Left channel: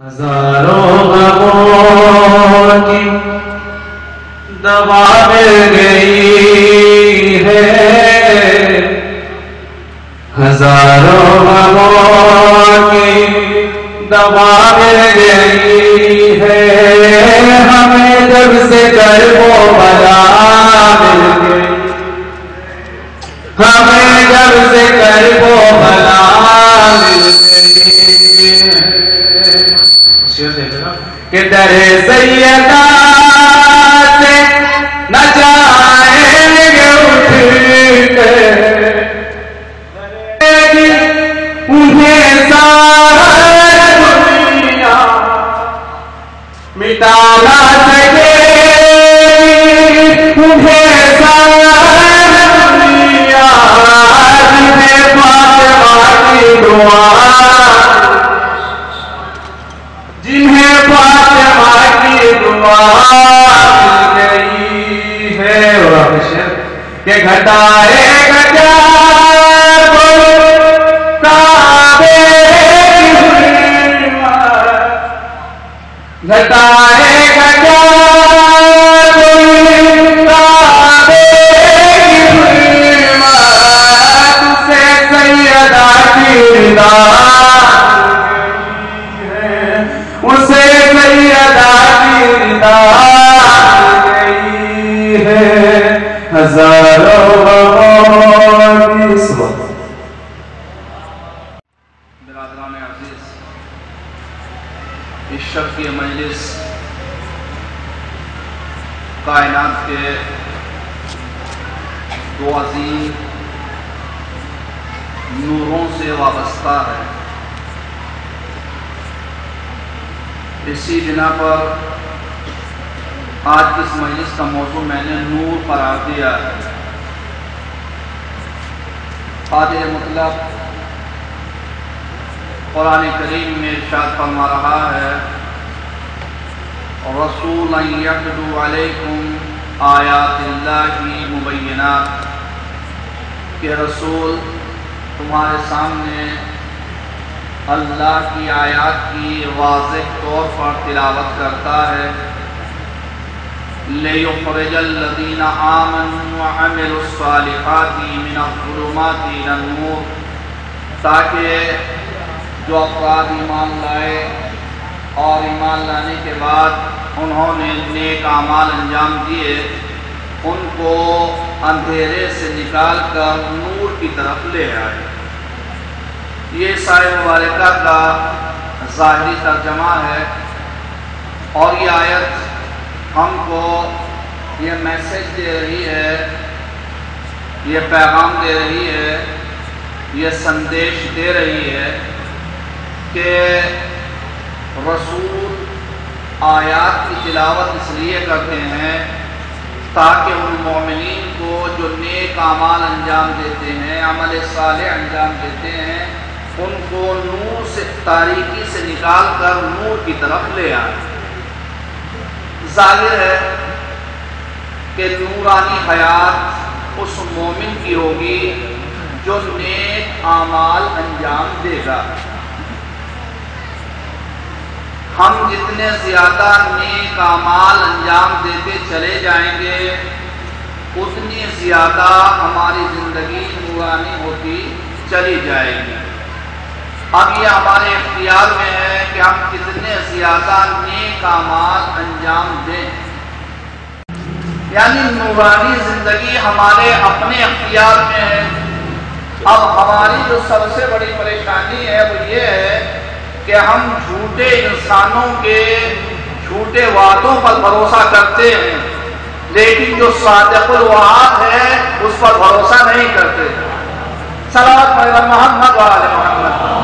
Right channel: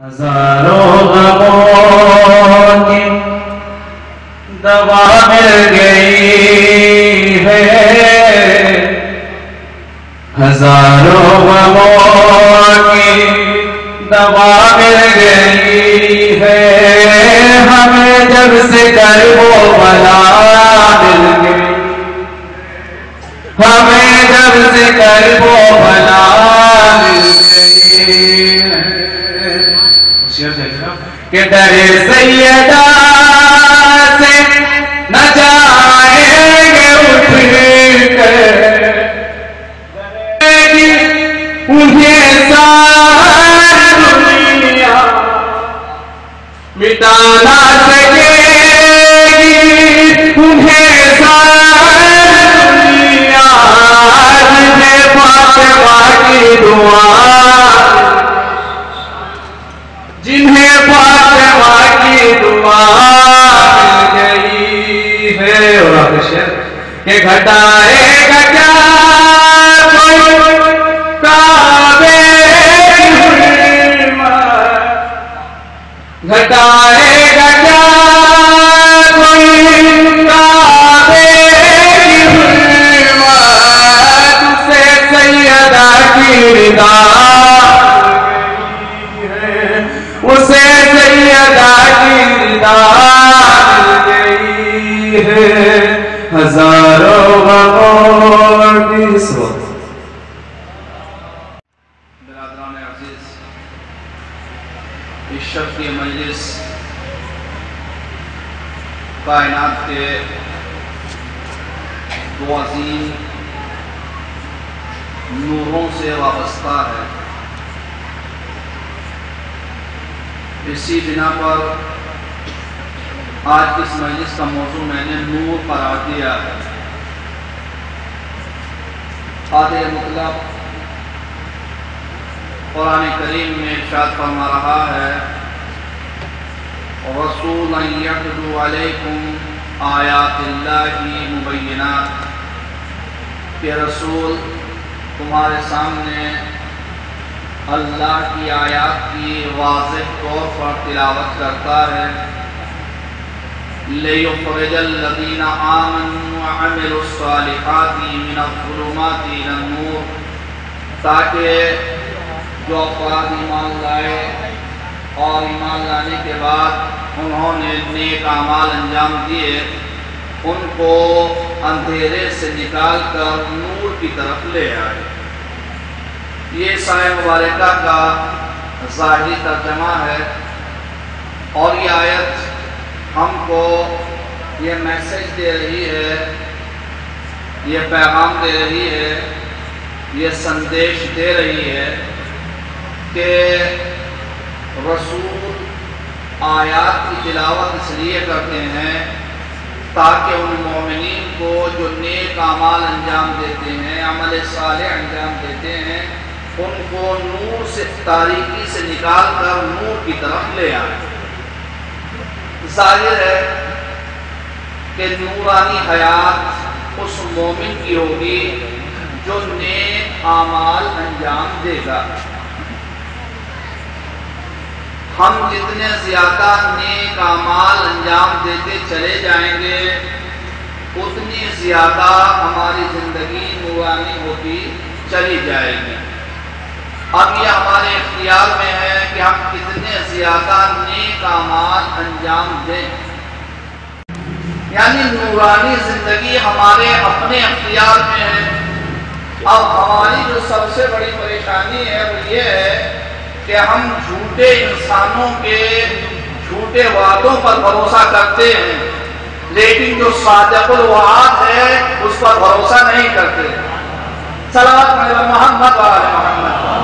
ہزاروں غموں کی دوا مل گئی ہے، ہزاروں غموں کی دوا مل گئی ہے، ہمیں جب سے کرب و بلا مل گئی، ہمیں جب سے کرب و بلا مل گئی ہے، کہ در سیدہ سے نہ جائیں گے اٹھ کر، انہیں ساری دنیا مٹا نہ سکے گی، انہیں ساری دنیا، جنہیں فاطمہ کی دعا، جنہیں فاطمہ کی دعا گئی ہے، کہ گھٹائے گا کیا کوئی کعبے کی حرمت، گھٹائے گا کیا کوئی کعبے کی حرمت، سے سیدہ کی رضا، اسے سیدہ کی رضا گئی ہے، ہزاروں غموں کی صبح۔ برادران عزیز، اس شرفی مجلس کائنات کے دو عظیم نوروں سے وابستہ ہے، اسی بنا پر آج اس مجلس کا موضوع میں نے نور قرار دیا ہے۔ قادر مطلق قرآن کریم میں ارشاد فرما رہا ہے، رسولا یتلو علیکم آیات اللہ مبینات، کہ رسول تمہارے سامنے اللہ کی آیات کی واضح طور پر تلاوت کرتا ہے، لِيُخْرِجَ الَّذِينَ آمَنُوا وَعَمِلُوا الصَّالِحَاتِ مِنَ الظُّلُمَاتِ إِلَى النُّورِ، تاکہ جو افراد ایمان لائے اور ایمان لانے کے بعد انہوں نے نیک اعمال انجام دیے، ان کو اندھیرے سے نکال کر نور کی طرف لے آئے۔ یہ سایہ مبارکہ کا ظاہری ترجمہ ہے، اور یہ آیت ہم کو یہ میسج دے رہی ہے، یہ پیغام دے رہی ہے، یہ سندیش دے رہی ہے کہ رسول آیات کی تلاوت اس لیے کرتے ہیں تاکہ ان مومنین کو جو نیک اعمال انجام دیتے ہیں، عمل صالح انجام دیتے ہیں، ان کو نور سے، تاریکی سے نکال کر نور کی طرف لے آئے۔ ظاہر ہے کہ نورانی حیات اس مومن کی ہوگی جو نیک اعمال انجام دے گا۔ ہم جتنے زیادہ نیک اعمال انجام دیتے چلے جائیں گے، اتنی زیادہ ہماری زندگی نورانی ہوتی چلی جائے گی۔ اب یہ ہمارے اختیار میں ہے کہ ہم کتنے زیادہ نیک اعمال انجام دیں، یعنی نورانی زندگی ہمارے اپنے اختیار میں ہے۔ اب ہماری جو سب سے بڑی پریشانی ہے وہ یہ ہے کہ ہم جھوٹے انسانوں کے جھوٹے وعدوں پر بھروسہ کرتے ہیں، لیکن جو صادق الوعد ہے اس پر بھروسہ نہیں کرتے۔ صلوات محمد وآل محمد۔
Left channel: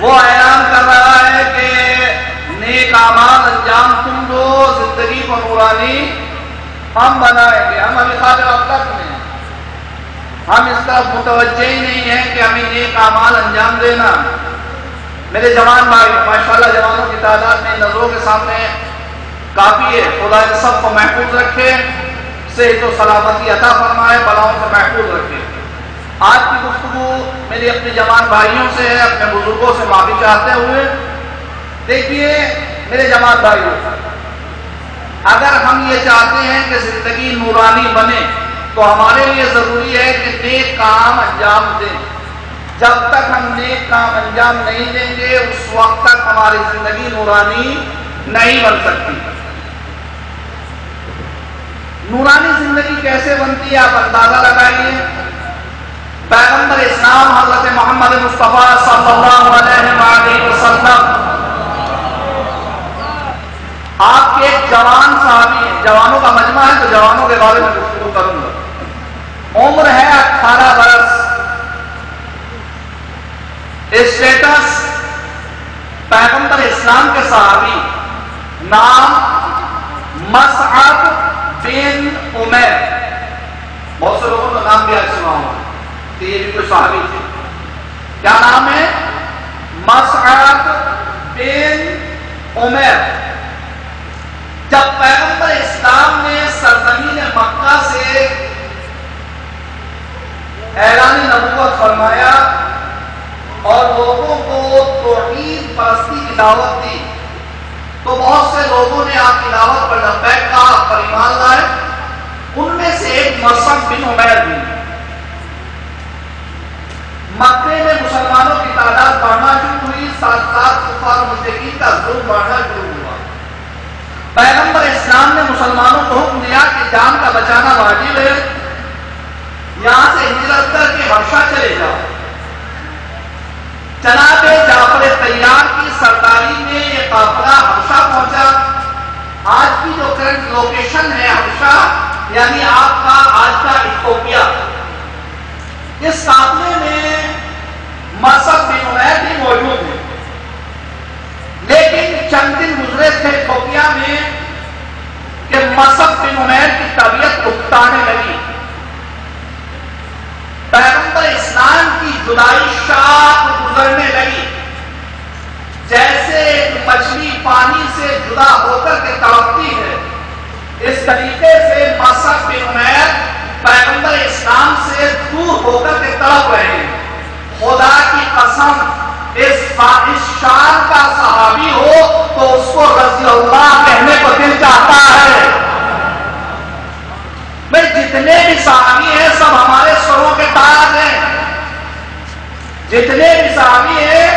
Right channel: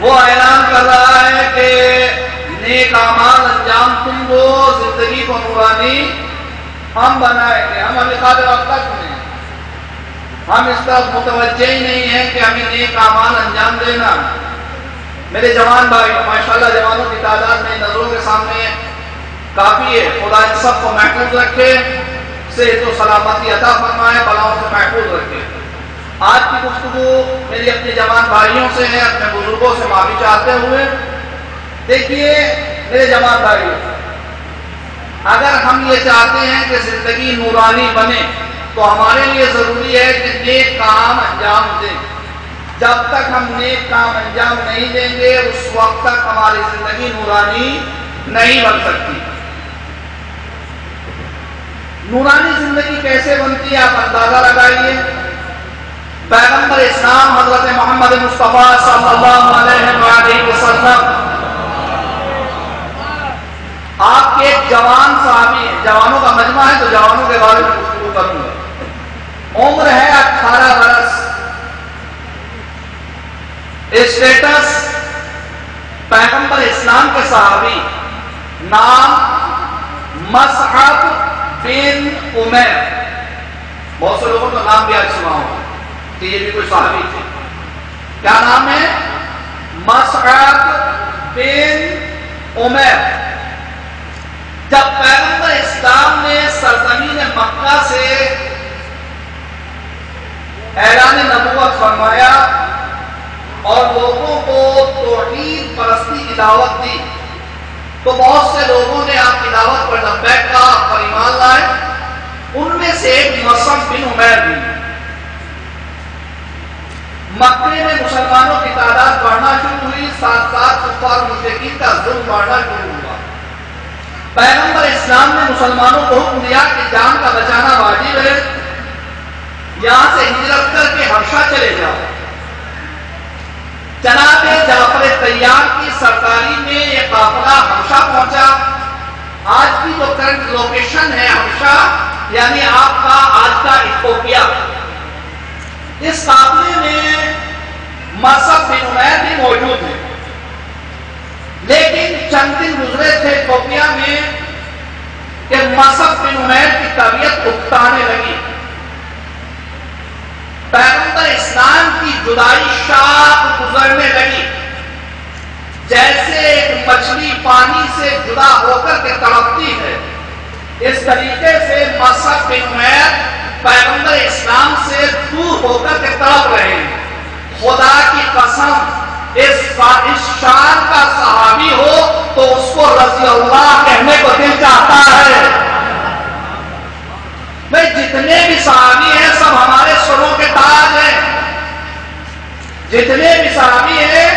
وہ اعلان کر رہا ہے کہ نیک اعمال انجام تم دو، زندگی کو نورانی ہم بنائیں گے۔ ہم ابھی قادر اب تک میں ہم اس طرف متوجہ ہی نہیں ہیں کہ ہمیں نیک اعمال انجام دینا۔ میرے جوان بھائی، ماشاءاللہ جوانوں کی تعداد میں نظروں کے سامنے کافی ہے۔ خدا ان سب کو محفوظ رکھے، صحت و سلامتی عطا فرمائے، بلاؤں سے محفوظ رکھے۔ آج کی گفتگو میری اپنے جوان بھائیوں سے ہے، اپنے بزرگوں سے معافی چاہتے ہوئے۔ دیکھیے میرے جوان بھائیوں، اگر ہم یہ چاہتے ہیں کہ زندگی نورانی بنے تو ہمارے لیے ضروری ہے کہ نیک کام انجام دیں۔ جب تک ہم نیک کام انجام نہیں دیں گے اس وقت تک ہماری زندگی نورانی نہیں بن سکتی۔ نورانی زندگی کیسے بنتی ہے آپ اندازہ لگائیے۔ پیغمبر اسلام حضرت محمد مصطفیٰ صلی اللہ علیہ وسلم آپ کے ایک جوان صحابی ہیں، جوانوں کا مجمع ہے تو جوانوں کے بارے میں گفتگو کروں گا۔ عمر ہے 18 برس، اسٹیٹس پیغمبر اسلام کے صحابی، نام مصعب بن عمیر۔ بہت سے لوگوں کا نام کیا سنا ہوگا، یہ بھی کوئی صحابی تھے۔ کیا نام ہے؟ مصعب بن عمیر۔ جب پیغمبر اسلام نے سرزمین مکہ سے اعلان نبوت فرمایا اور لوگوں کو توحید پرستی کی دعوت دی تو بہت سے لوگوں نے آپ کی دعوت پر لبیک کہا، آپ پر ایمان لائے۔ ان میں سے ایک مصعب بن عمیر بھی۔ مکے میں مسلمانوں کی تعداد بڑھنا شروع ہوئی، ساتھ ساتھ کفار مشرکین کا ظلم بڑھنا شروع ہوا۔ پیغمبر اسلام نے مسلمانوں کو حکم دیا کہ جان کا بچانا واجب ہے، یہاں سے ہجرت کر کے حبشہ چلے جاؤ۔ جناب جعفر طیار کی سرداری میں یہ قافلہ حبشہ پہنچا۔ آج کی جو کرنٹ لوکیشن ہے حبشہ، یعنی آپ کا آج کا ایتھوپیا، اس قافلے میں مصعب بن عمیر بھی موجود ہے۔ لیکن چند دن گزرے تھے ایتھوپیا میں کہ مصعب بن عمیر کی طبیعت اکتانے لگی۔ پیغمبر اسلام کی جدائی شاپ گزرنے لگی، جیسے ایک مچھلی پانی سے جدا ہو کر کے تڑپتی ہے، اس طریقے سے مصعب بن عمیر پیغمبر اسلام سے دور ہو کر کے تڑپ رہے ہیں۔ خدا کی قسم اس شان کا صحابی ہو تو اس کو رضی اللہ کہنے کو دل چاہتا ہے۔ بھئی جتنے بھی صحابی ہیں سب ہمارے سروں کے تاج ہیں، جتنے بھی صحابی ہیں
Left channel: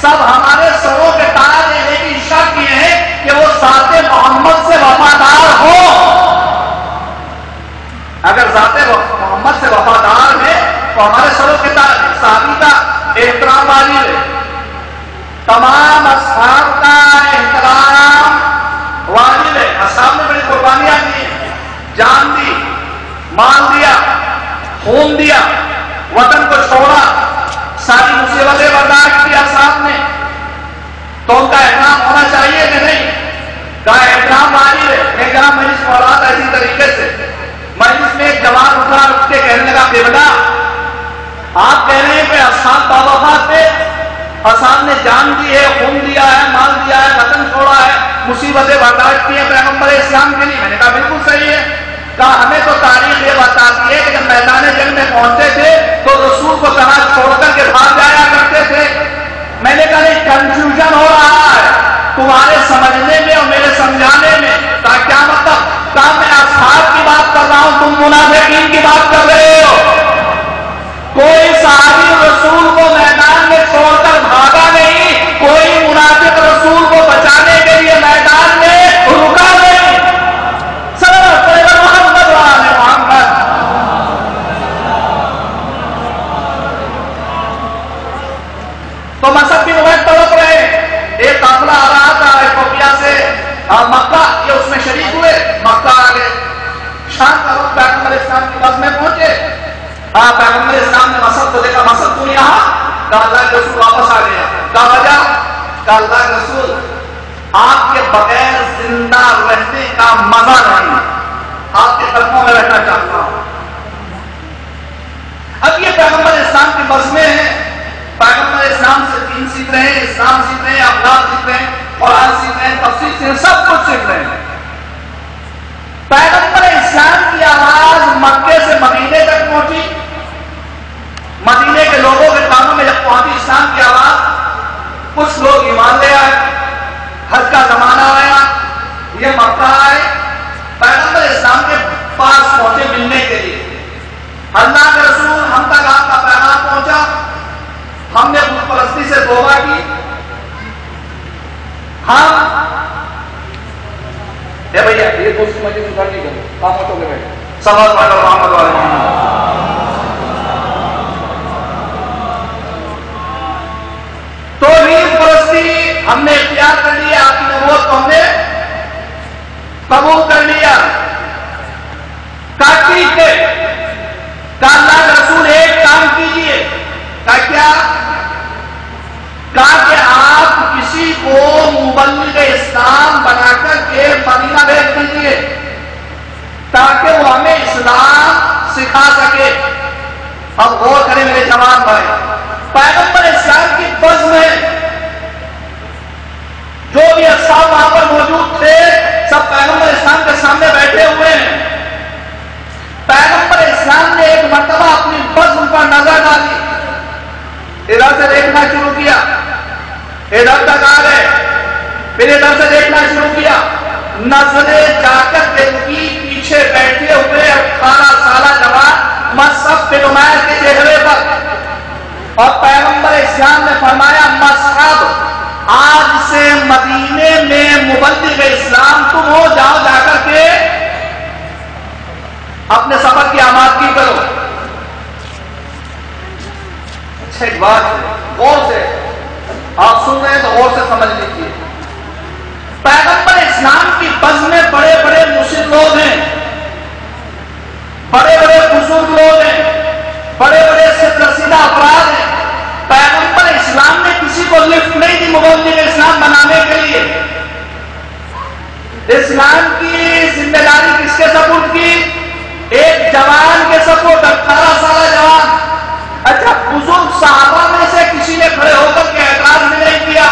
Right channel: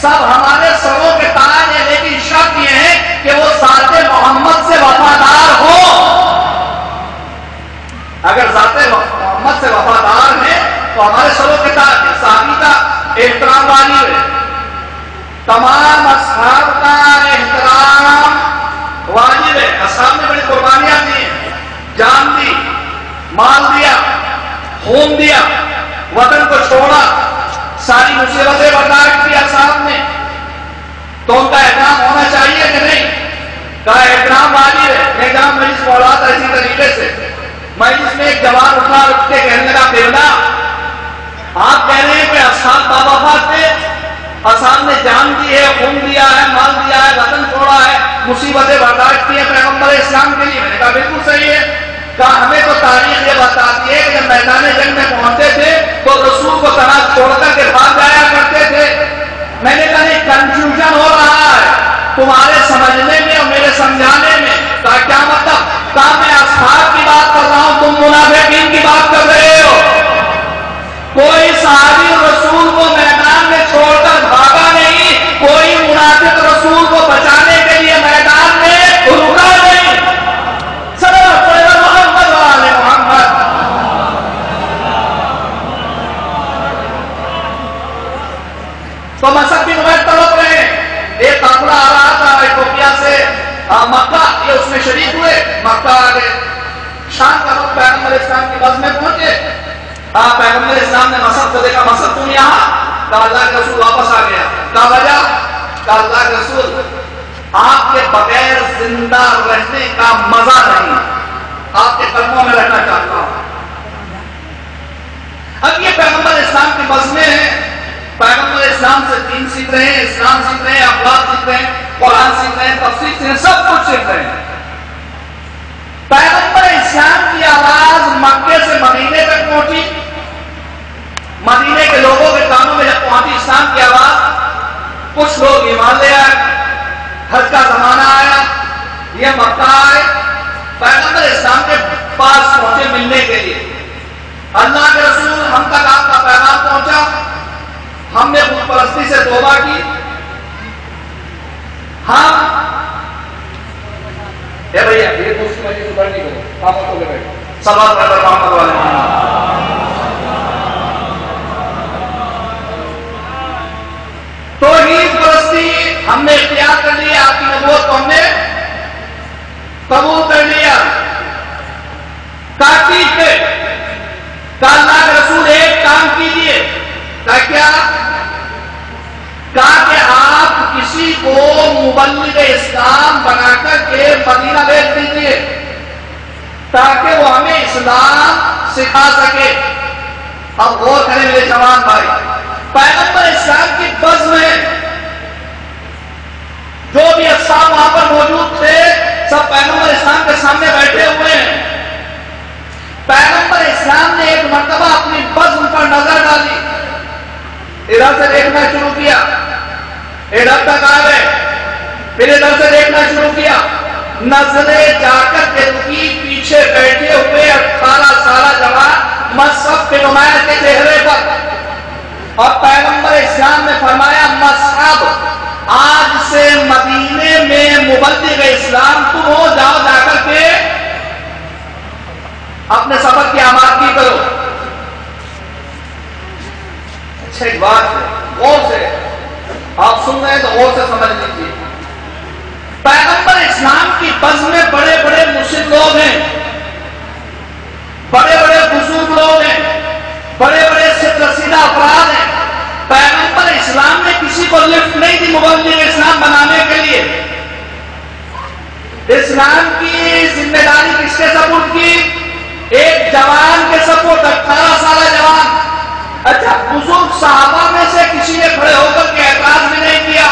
سب ہمارے سروں کے تاج ہیں، لیکن شرط یہ ہے کہ وہ ذات محمد سے وفادار ہو۔ اگر ذات محمد سے وفادار ہے تو ہمارے سروں کے تاج ہیں۔ صحابی کا احترام واجب ہے، تمام اصحاب کا احترام واجب ہے۔ اصحاب نے بڑی قربانیاں دی، جان دی، مال دیا، خون دیا، وطن کو چھوڑا، ساری مصیبتیں برداشت کی اصحاب نے، تو ان کا احترام ہونا چاہیے کہ نہیں؟ کا احترام واجب ہے۔ ایک جہاں مریض پڑھ رہا تھا اسی طریقے سے، مریض میں ایک جوان اٹھا اٹھ کے کہنے کا بیولا، آپ کہہ رہے ہیں کہ اصحاب باوفات تھے، اصحاب نے جان دی ہے، خون دیا ہے، مال دیا ہے، وطن چھوڑا ہے، مصیبتیں برداشت کی ہیں پیغمبر اسلام کے لیے۔ میں نے کہا بالکل صحیح ہے۔ کہا ہمیں تو تاریخ یہ بتاتی ہے کہ جب میدان جنگ میں پہنچے تھے تو رسول کو تنہا چھوڑ کر کے بھاگ جایا کرتے تھے۔ میں نے کہا نہیں، کنفیوژن ہو رہا ہے تمہارے سمجھنے میں اور میرے سمجھانے میں۔ کہا کیا مطلب؟ کہا میں اصحاب کی بات کر رہا ہوں، تم منافقین کی بات کر رہے ہو۔ کوئی صحابی رسول کو میدان میں چھوڑ کر بھاگا نہیں، کوئی منافق رسول کو بچانے کے لیے میدان میں رکا نہیں۔ تو مصعب بن عمیر تڑپ رہے، ایک قافلہ آ رہا تھا ایتھوپیا سے مکہ، یہ اس میں شریک ہوئے، مکہ آ گئے۔ شام کا وقت پیغمبر اسلام کی بس میں پہنچے، پیغمبر اسلام نے مصعب کو دیکھا، مصعب تم یہاں؟ کہا اللہ کے رسول واپس آ گیا۔ کہا وجہ؟ کہا اللہ کے رسول آپ کے بغیر زندہ رہنے کا مزہ نہیں، آپ کے قدموں میں رہنا چاہتا ہوں۔ اب یہ پیغمبر اسلام کی بس میں ہے، پیغمبر اسلام سے دین سیکھ رہے ہیں، اسلام سیکھ رہے ہیں، اخلاق سیکھ رہے ہیں، قرآن سیکھ رہے ہیں، تفسیر سیکھ رہے ہیں، سب کچھ سیکھ رہے ہیں۔ پیغمبر اسلام کی آواز مکے سے مدینے تک پہنچی، مدینے کے لوگوں کے کانوں میں جب پہنچی اسلام کی آواز، کچھ لوگ ایمان لے آئے، حج کا زمانہ آیا، یہ مکہ آئے، پیغمبر اسلام کے پاس پہنچے ملنے کے لیے۔ اللہ کے رسول، ہم تک آپ کا پیغام پہنچا، ہم نے بت پرستی سے توبہ کی، ہم بھیا یہ دوست مجھے سدھر نہیں کرو، خاموش ہو کے بیٹھے، سبب پڑھ محمد والے توحید پرستی ہم نے اختیار کر لیا، آپ کی نبوت کو ہم نے قبول کر لیا۔ ٹھیک ہے، کہا اللہ کے رسول ایک کام کیجئے، کہا کیا؟ کہا کہ آپ کسی کو مبلغ اسلام بنا کر کے مدینہ بھیج دیجئے تاکہ وہ ہمیں اسلام سکھا سکے۔ اب غور کریں میرے جوان بھائی، پیغمبر اسلام کی بزم میں جو بھی اصحاب وہاں پر موجود تھے سب پیغمبر اسلام کے سامنے بیٹھے ہوئے ہیں۔ پیغمبر اسلام نے ایک مرتبہ اپنی بزم پر نظر ڈالی، ادھر سے دیکھنا شروع کیا، ادھر تک آ گئے، پھر ادھر سے دیکھنا شروع کیا، نظریں جا کر دل کی پیچھے بیٹھے ہوئے 18 سالہ جوان مصحف کے نمایاں کے چہرے پر، اور پیغمبر اسلام نے فرمایا مصحف آج سے مدینے میں مبلغ اسلام تم ہو، جاؤ جا کر کے اپنے سفر کی آمادگی کرو۔ اچھا ایک بات غور سے آپ سن رہے ہیں تو غور سے سمجھ لیجیے، پیغمبر اسلام کی بزم میں بڑے بڑے مشرک لوگ ہیں، بڑے بڑے بزرگ لوگ ہیں، بڑے بڑے رسیدہ افراد ہیں۔ پیغمبر اسلام نے کسی کو لفٹ نہیں دی مبلغ اسلام بنانے کے لیے۔ اسلام کی ذمہ داری کس کے سپرد کی؟ ایک جوان کے سپرد، 18 سالہ جوان۔ اچھا بزرگ صحابہ میں سے کسی نے کھڑے ہو کر کے اعتراض بھی نہیں کیا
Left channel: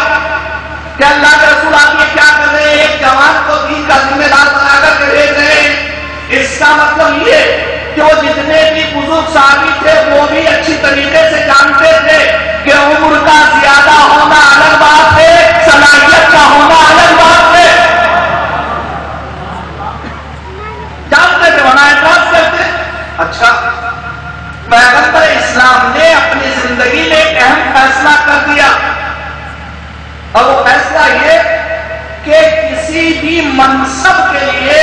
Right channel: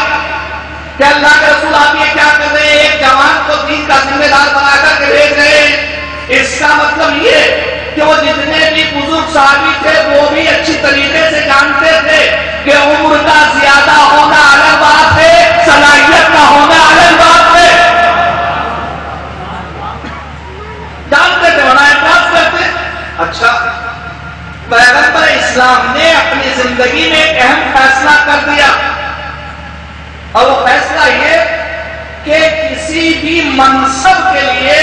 کہ اللہ کے رسول آپ یہ کیا کر رہے ہیں، ایک جوان کو دین کا ذمہ دار بنا کر کے بھیج رہے ہیں۔ اس کا مطلب یہ کہ وہ جتنے بھی بزرگ صحابی تھے وہ بھی اچھی طریقے سے جانتے تھے کہ عمر کا زیادہ ہونا الگ بات ہے، صلاحیت کا ہونا الگ بات ہے، جانتے تھے، ہونا اعتراض کرتے۔ اچھا پیغمبر اسلام نے اپنی زندگی میں ایک اہم فیصلہ کر دیا، اور وہ فیصلہ یہ کہ کسی بھی منصب کے لیے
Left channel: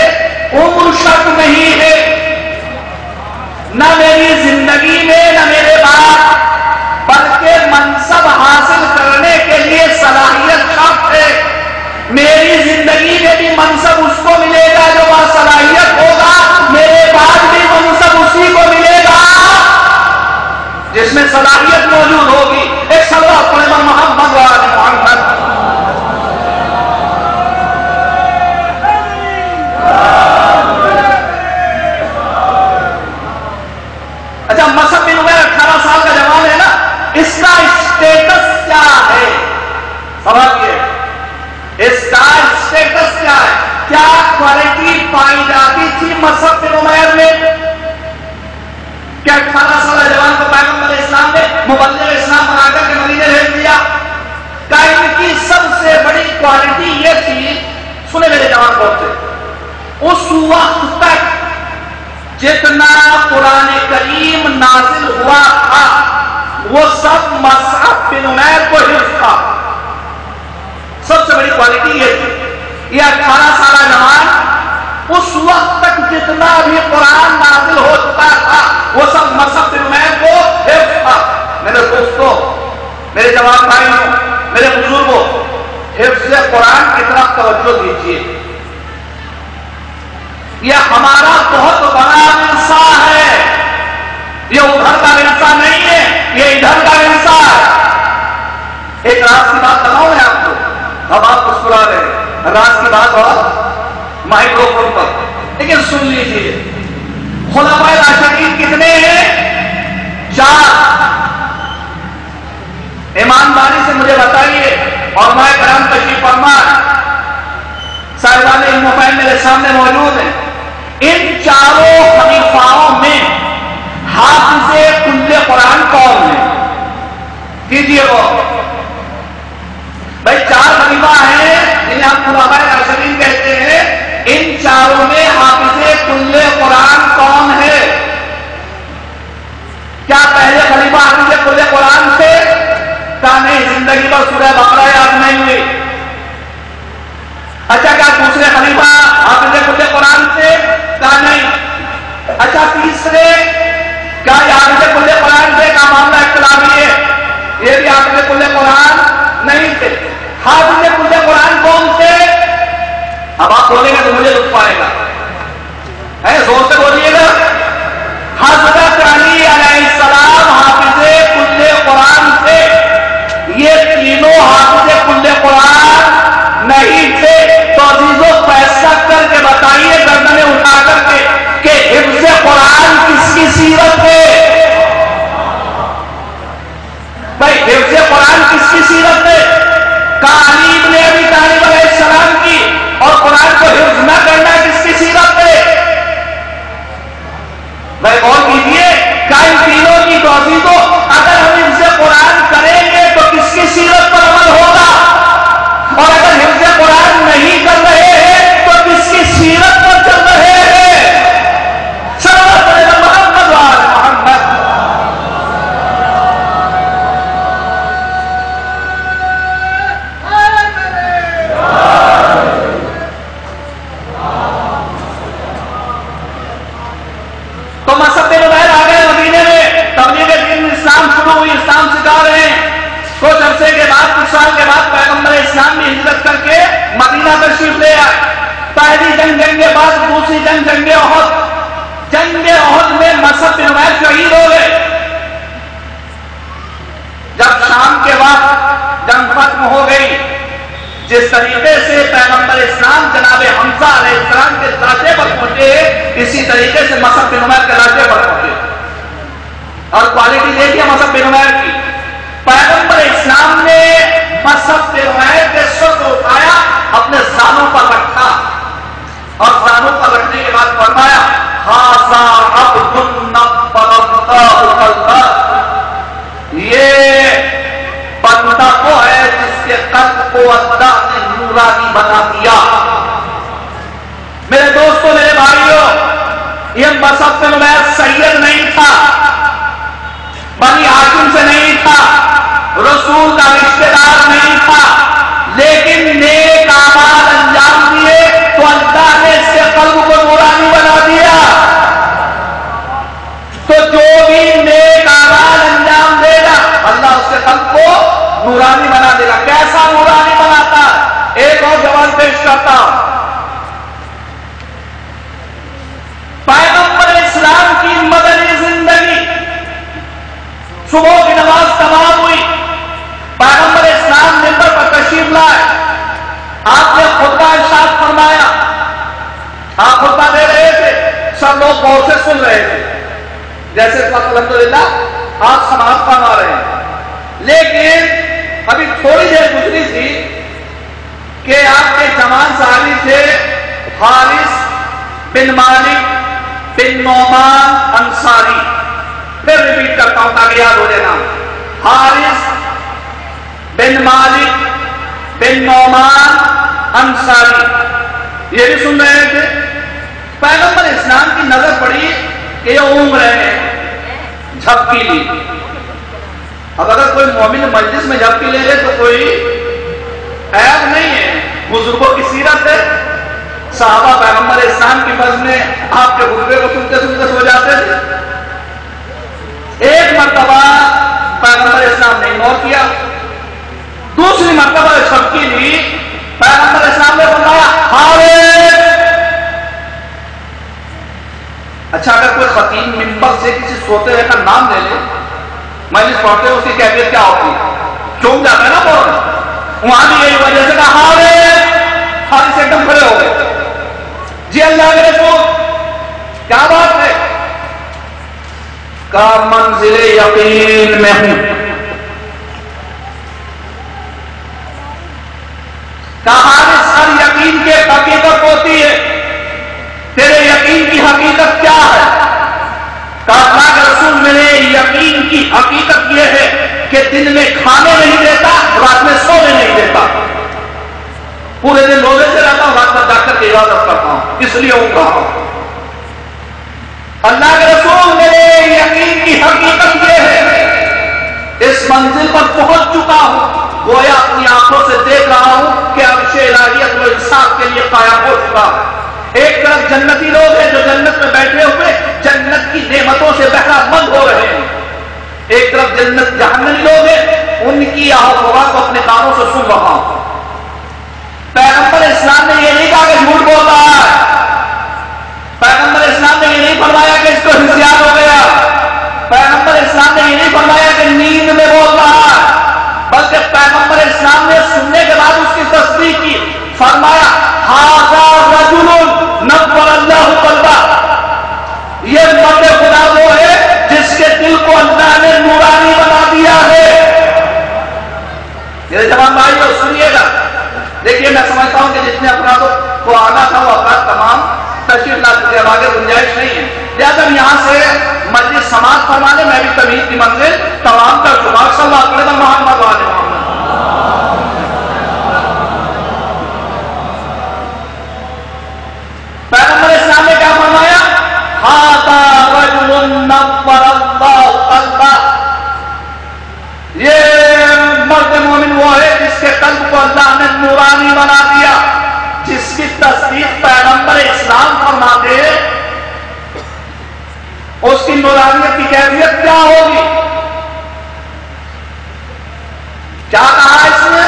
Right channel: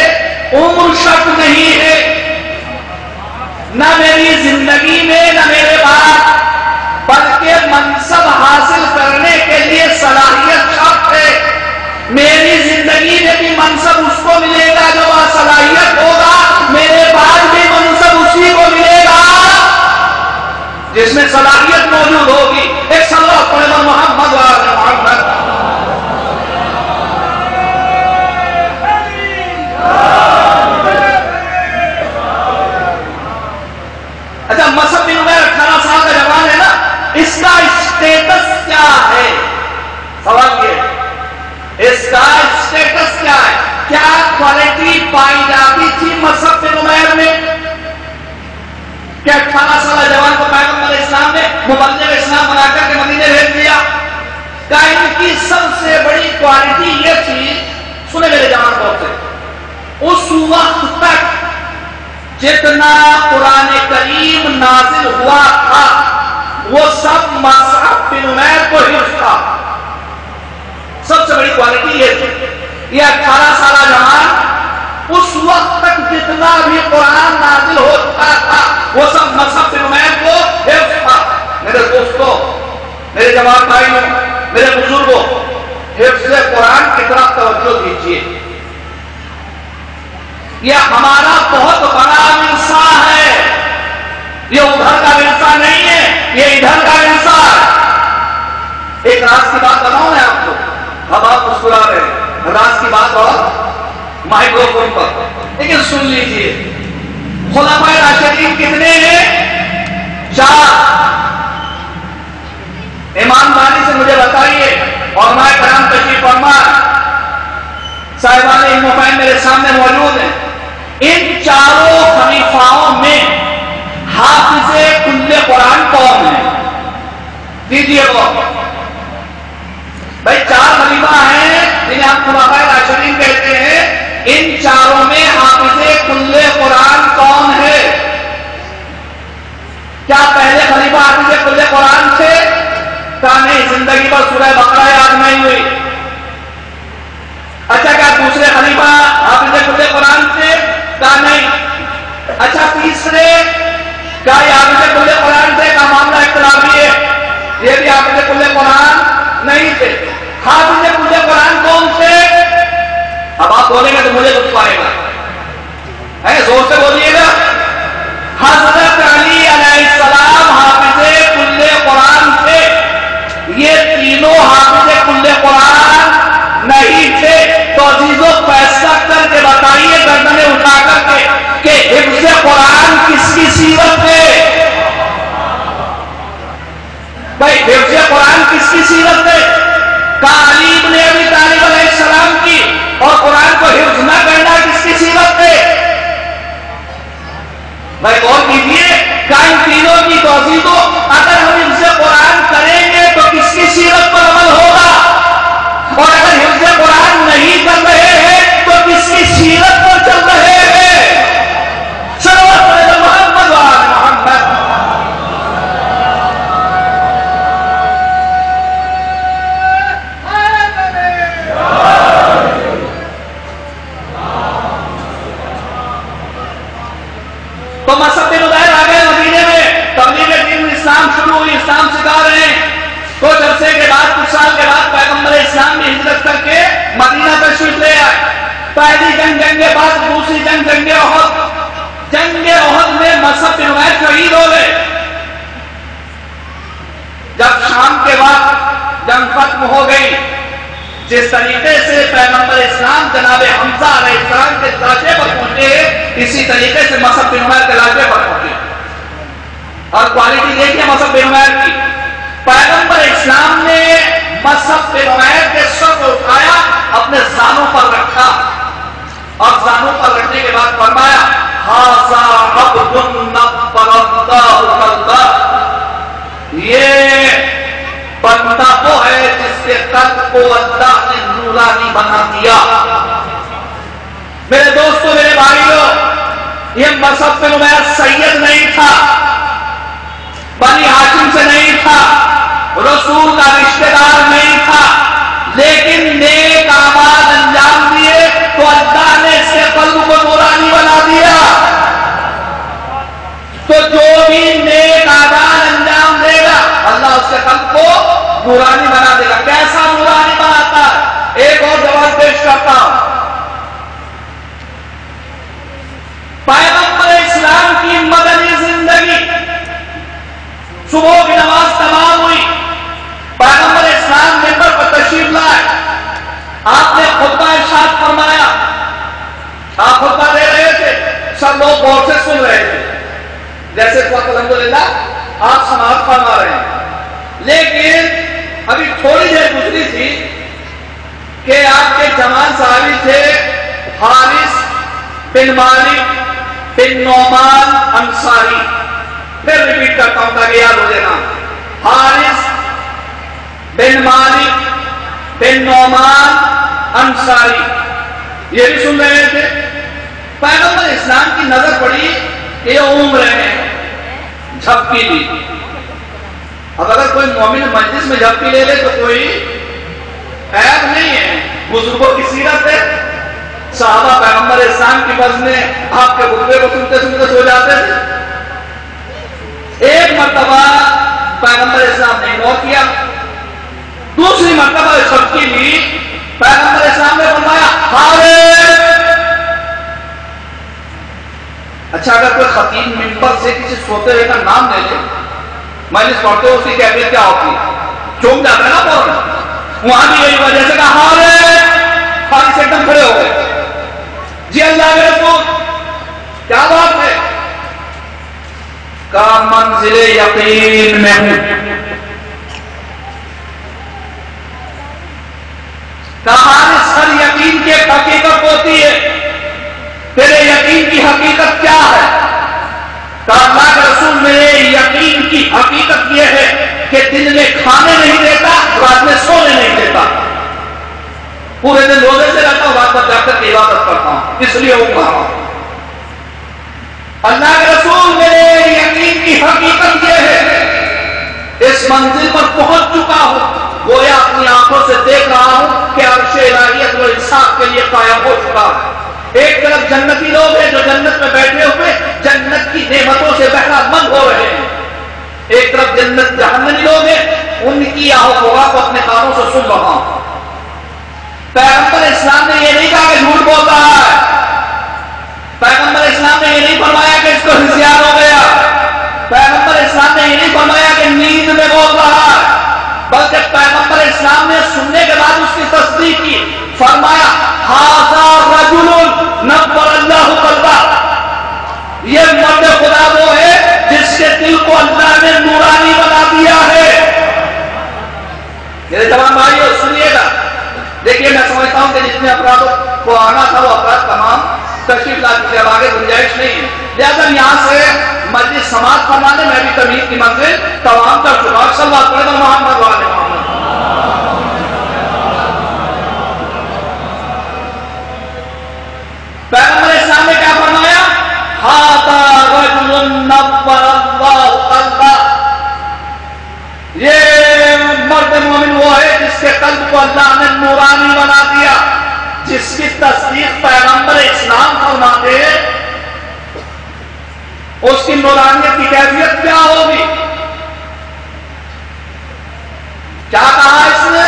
عمر شرط نہیں ہے، نہ میری زندگی میں نہ میرے بعد، بلکہ منصب حاصل کرنے کے لیے صلاحیت شرط ہے۔ میری زندگی میں بھی منصب اس کو ملے گا جو وہ صلاحیت ہوگا، میرے بعد بھی منصب اسی کو ملے گا جس میں صلاحیت موجود ہوگی۔ ایک صلی اللہ علیہ وسلم محمد وآلہ محمد۔ اچھا مصعب بن عمیر 18 سال کا جوان ہے نا، اس کا اسٹیٹس کیا ہے؟ سوال یہ، اس کا اسٹیٹس کیا ہے؟ کیا کوالٹی پائی جاتی تھی مصعب بن عمیر میں کہ 18 سالہ جوان کو پیغمبر اسلام نے مبلغ اسلام بنا کر کے مدینے بھیج دیا؟ کہ ان کی سب سے بڑی کوالٹی یہ تھی، سنے میرے جوان بہت، اس وقت تک جتنا قرآن کریم نازل ہوا تھا وہ سب مصعب بن عمیر کو حفظ تھا۔ سب سے بڑی کوالٹی یہ تھی، یہ 18 سالہ جوان اس وقت تک جتنا بھی قرآن نازل ہو چکا تھا وہ سب مصعب بن عمیر کو حفظ تھا۔ میرے دوستوں، میرے جوان بھائیوں، میرے بزرگوں، حفظ قرآن کی طرف توجہ دیجیے، یہ ہمارا بہت بڑا ورثہ ہے، یہ ادھر کا ورثہ نہیں ہے، یہ ادھر کا ورثہ ہے۔ ایک راز کی بات بتاؤں میں آپ کو، اب آپ مسکرا رہے ہیں، راز کی بات اور مائکرو فون پر، لیکن سن لیجیے، خلفائے راشدین کتنے ہیں؟ 4۔ ایمانداری سے مجھے بتائیے، اور میں کرام تشریف فرما صاحبان علم میرے سامنے موجود ہیں، ان چاروں خلیفاؤں میں حافظ حافظ کل قرآن کون ہے؟ کیجیے وہ بھائی 4 خلیفہ ہیں جنہیں ہم خلفائے راشدین کہتے ہیں، ان چاروں میں حافظ کل قرآن کون ہے؟ کیا پہلے خلیفہ حافظ کل قرآن تھے؟ کہا نہیں، زندگی پر سورہ بقرہ یاد نہیں ہوئی۔ اچھا کیا دوسرے خلیفہ حافظ کل قرآن تھے؟ کہا نہیں۔ اچھا تیسرے کیا یہ حافظ کل قرآن تھے؟ کا معاملہ اختلافی ہے، یہ بھی حافظ کل قرآن نہیں تھے۔ حافظ کل قرآن کون تھے؟ اب آپ بولیں گے تو مجھے لطف آئے گا، زور سے بولیے گا۔ حضرت علی علیہ السلام حافظ کل قرآن تھے، یہ تینوں حافظ کل قرآن نہیں تھے۔ تو عزیزوں فیصلہ کر کے بتائیے گردنیں اٹھا کر کے کہ حفظ قرآن کس کی سیرت ہے؟ بھائی حفظ قرآن کس کی سیرت ہے؟ علی ابن ابی طالب علیہ السلام کی، اور قرآن کو حفظ نہ کرنا کس کی سیرت ہے؟ بھائی غور کیجیے، ان تینوں کی توضیح کو اگر ہم حفظ قرآن کریں گے تو کس کی سیرت پر عمل ہوگا، اور اگر حفظ قرآن نہیں کر رہے ہیں تو کس کی سیرت پر چل رہے ہیں؟ صلی اللہ علیہ محمد وآل محمد۔ تو مصعب بن عمیر آ گئے مدینے میں، تبلیغ دین اسلام شروع ہوئی، اسلام سکھا رہے ہیں۔ کچھ عرصے کے بعد، کچھ سال کے بعد پیغمبر اسلام نے ہجرت کر کے مدینہ تشریف لے آئے۔ پہلی جنگ بعد دوسری جنگ احد۔ جنگ احد میں مصعب بن عمیر شہید ہو گئے۔ جب شام کے بعد جنگ ختم ہو گئی، جس طریقے سے پیغمبر اسلام جناب حمزہ علیہ السلام کے درجے پر پہنچے، اسی طریقے سے مصعب بن عمیر کے درجے پر پہنچے۔ اور کوالٹی دیکھیے مصعب بن عمیر کی، پیغمبر اسلام نے مصعب بن عمیر کے سر کو اٹھایا، اپنے زانوں پر رکھا، اور زانوں پر رکھنے کے بعد فرمایا ھذا عبد نفر اللہ قلبہ، یہ بندہ وہ ہے جس کے قلب کو اللہ نے نورانی بنا دیا۔ میرے دوستوں، میرے بھائیوں، یہ مصعب بن عمیر سید نہیں تھا، بنی ہاشم سے نہیں تھا، رسول کا رشتہ دار نہیں تھا، لیکن نیک اعمال انجام دیے تو اللہ نے اس کے قلب کو نورانی بنا دیا۔ تو جو بھی نیک اعمال انجام دے گا اللہ اس کے قلب کو نورانی بنا دے گا۔ کیسا نورانی بناتا ہے؟ ایک اور جواب پیش کرتا ہوں۔ پیغمبر اسلام کی مدنی زندگی، صبح کی نماز تمام ہوئی، پیغمبر اسلام ممبر پر تشریف لائے، آپ نے خطبہ ارشاد فرمایا، آپ خطبہ دے رہے تھے، سب لوگ غور سے سن رہے تھے، جیسے الحمدللہ آپ سماعت فرما رہے ہیں، لیکن ابھی تھوڑی دیر گزری تھی کہ آپ کے جوان صحابی تھے حارث بن مالک بن نعمان انصاری، پھر ریپیٹ کرتا ہوں تاکہ یاد ہو جائے گا، حارث بن مالک بن نعمان انصاری، یہ بھی سن رہے تھے۔ پیغمبر اسلام کی نظر پڑی کہ یہ عمر ہے، جھپکی لی۔ اب اگر کوئی مومن مجلس میں جھپکی لے لے تو کوئی عیب نہیں ہے، بزرگوں کی سیرت ہے۔ صحابہ پیغمبر اسلام کی بز میں آپ کے خطبے کو سنتے سنتے سو جاتے تھے۔ ایک مرتبہ پیغمبر اسلام نے غور کیا، دوسری مرتبہ جھپکی لی، پیغمبر اسلام نے فرمایا حارث۔ اچھا اگر کوئی خطیب منبر سے کسی سوتے ہوئے کا نام لے لے، مجلس پڑھتے ہوئے اس کی کیفیت کیا ہوتی ہے؟ چونک جاتے ہیں نا فوراً۔ وہاں بھی یہی وجہ سے کہا حارث، حارث ایک دم کھڑے ہو گئے، جی اللہ کے رسول کیا بات ہے؟ کا منزل یقین میں ہوں، کہاں سر یقین کی حقیقت ہوتی ہے، تیرے یقین کی حقیقت کیا ہے؟ کہا اللہ کے رسول میرے یقین کی حقیقت یہ ہے کہ دن میں کھانے نہیں دیتا، رات میں سونے نہیں دیتا، پورے دن روزے سے رہتا ہوں، رات میں جا کر عبادت کرتا ہوں، اس لیے وہ کہا اللہ کے رسول میرے یقین کی حقیقت یہ ہے اس منزل پر پہنچ چکا ہوں، گویا اپنی آنکھوں سے دیکھ رہا ہوں کہ عرش الہیت و انصاف کے لیے قائم ہو چکا ہے۔ ایک طرف جنتی لوگ ہیں جو جنت میں بیٹھے ہوئے جنت کی نعمتوں سے بہرہ مند ہو رہے ہیں، ایک طرف جنت جہنمی لوگ ہیں ان کی آہو ہوا کو اپنے کانوں سے سن رہا ہوں۔ پیغمبر اسلام نے یہ نہیں کہا کہ جھوٹ بول رہا ہے، پیغمبر اسلام نے یہ نہیں فرمایا کہ اس کو ہوشیار ہو گیا، پیغمبر اسلام نے یہ نہیں فرمایا کہ نیند میں بول رہا ہے، بلکہ پیغمبر اسلام نے سننے کے بعد اس کی تصدیق کی، فرمایا ھذا رجل نور اللہ قلبہ، یہ مرد خدا وہ ہے جس کے دل کو اللہ نے نورانی بنا دیا ہے۔ میرے تمام بھائیو سنیے گا، دیکھیے میں سمجھتا ہوں کہ جتنے افراد کو آنا تھا وہ افراد تمام تشریف لا چکے، اب آگے گنجائش نہیں ہے، لہٰذا یہاں سے مجلس سماعت فرمانے میں بھی تمہید کی منزل تمام کر چکا۔ صلی اللہ علیہ وسلم محمد وعلیہ محمد۔ پیغمبر اسلام نے کیا فرمایا؟ ھذا رجل نور اللہ قلبہ، یہ مرد مومن وہ ہے جس کے قلب کو اللہ نے نورانی بنا دیا، جس کی تصدیق پیغمبر اسلام فرماتے اس کی نورانیت کی کیفیت کیا ہوگی؟ کیا کہا اس نے؟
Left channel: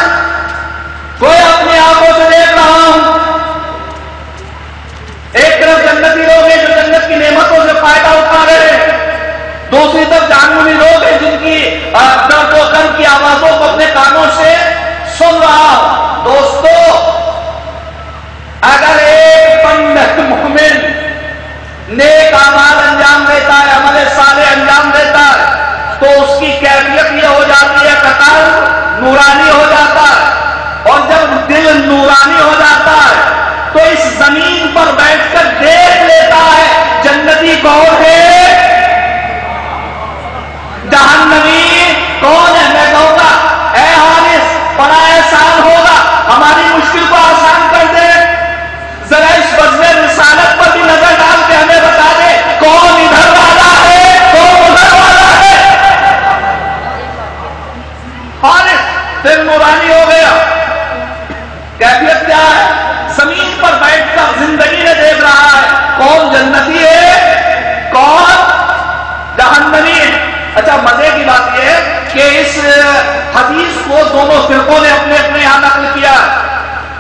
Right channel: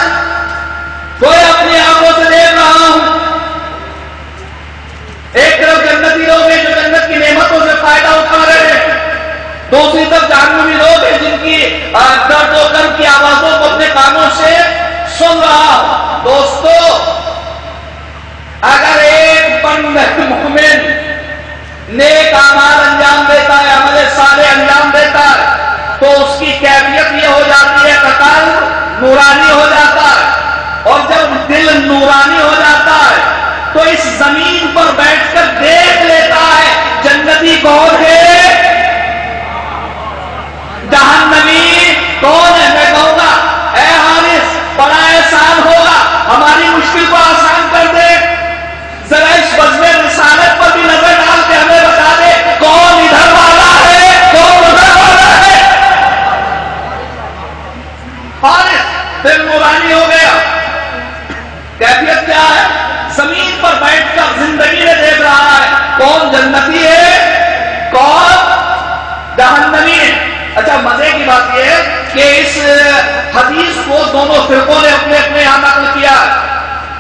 کوئی اپنی آنکھوں سے دیکھ رہا ہوں، ایک طرف جنتی لوگ ہیں جو جنت کی نعمتوں سے فائدہ اٹھا رہے ہیں، دوسری طرف جہنمی لوگ ہیں جن کی درد و غم کی آوازوں کو اپنے کانوں سے سن رہا ہوں۔ دوستو، اگر ایک بندہ مومن نیک اعمال انجام دیتا ہے، عمل صالح انجام دیتا ہے، تو اس کی کیفیت یہ ہو جاتی ہے کہ قلب نورانی ہو جاتا ہے، اور جب دل نورانی ہو جاتا ہے تو اس زمین پر بیٹھ کر دیکھ لیتا ہے جنتی کون ہے، جہنمی کون ہے۔ میں کہوں گا اے حارث بڑا احسان ہوگا، ہماری مشکل کو آسان کر دے، ذرا اس وجہ رسالت پر بھی نظر ڈال کے ہمیں بتا دے کون ادھر والا ہے کون ادھر والا ہے۔ حارث دل نورانی ہو گیا، کیفیت کیا ہے؟ زمین پر بیٹھ کر زندگی میں دیکھ رہا ہے کون جنتی ہے کون جہنمی ہے۔ اچھا مزے کی بات یہ ہے کہ اس حدیث کو دونوں فرقوں نے اپنے اپنے یہاں نقل کیا،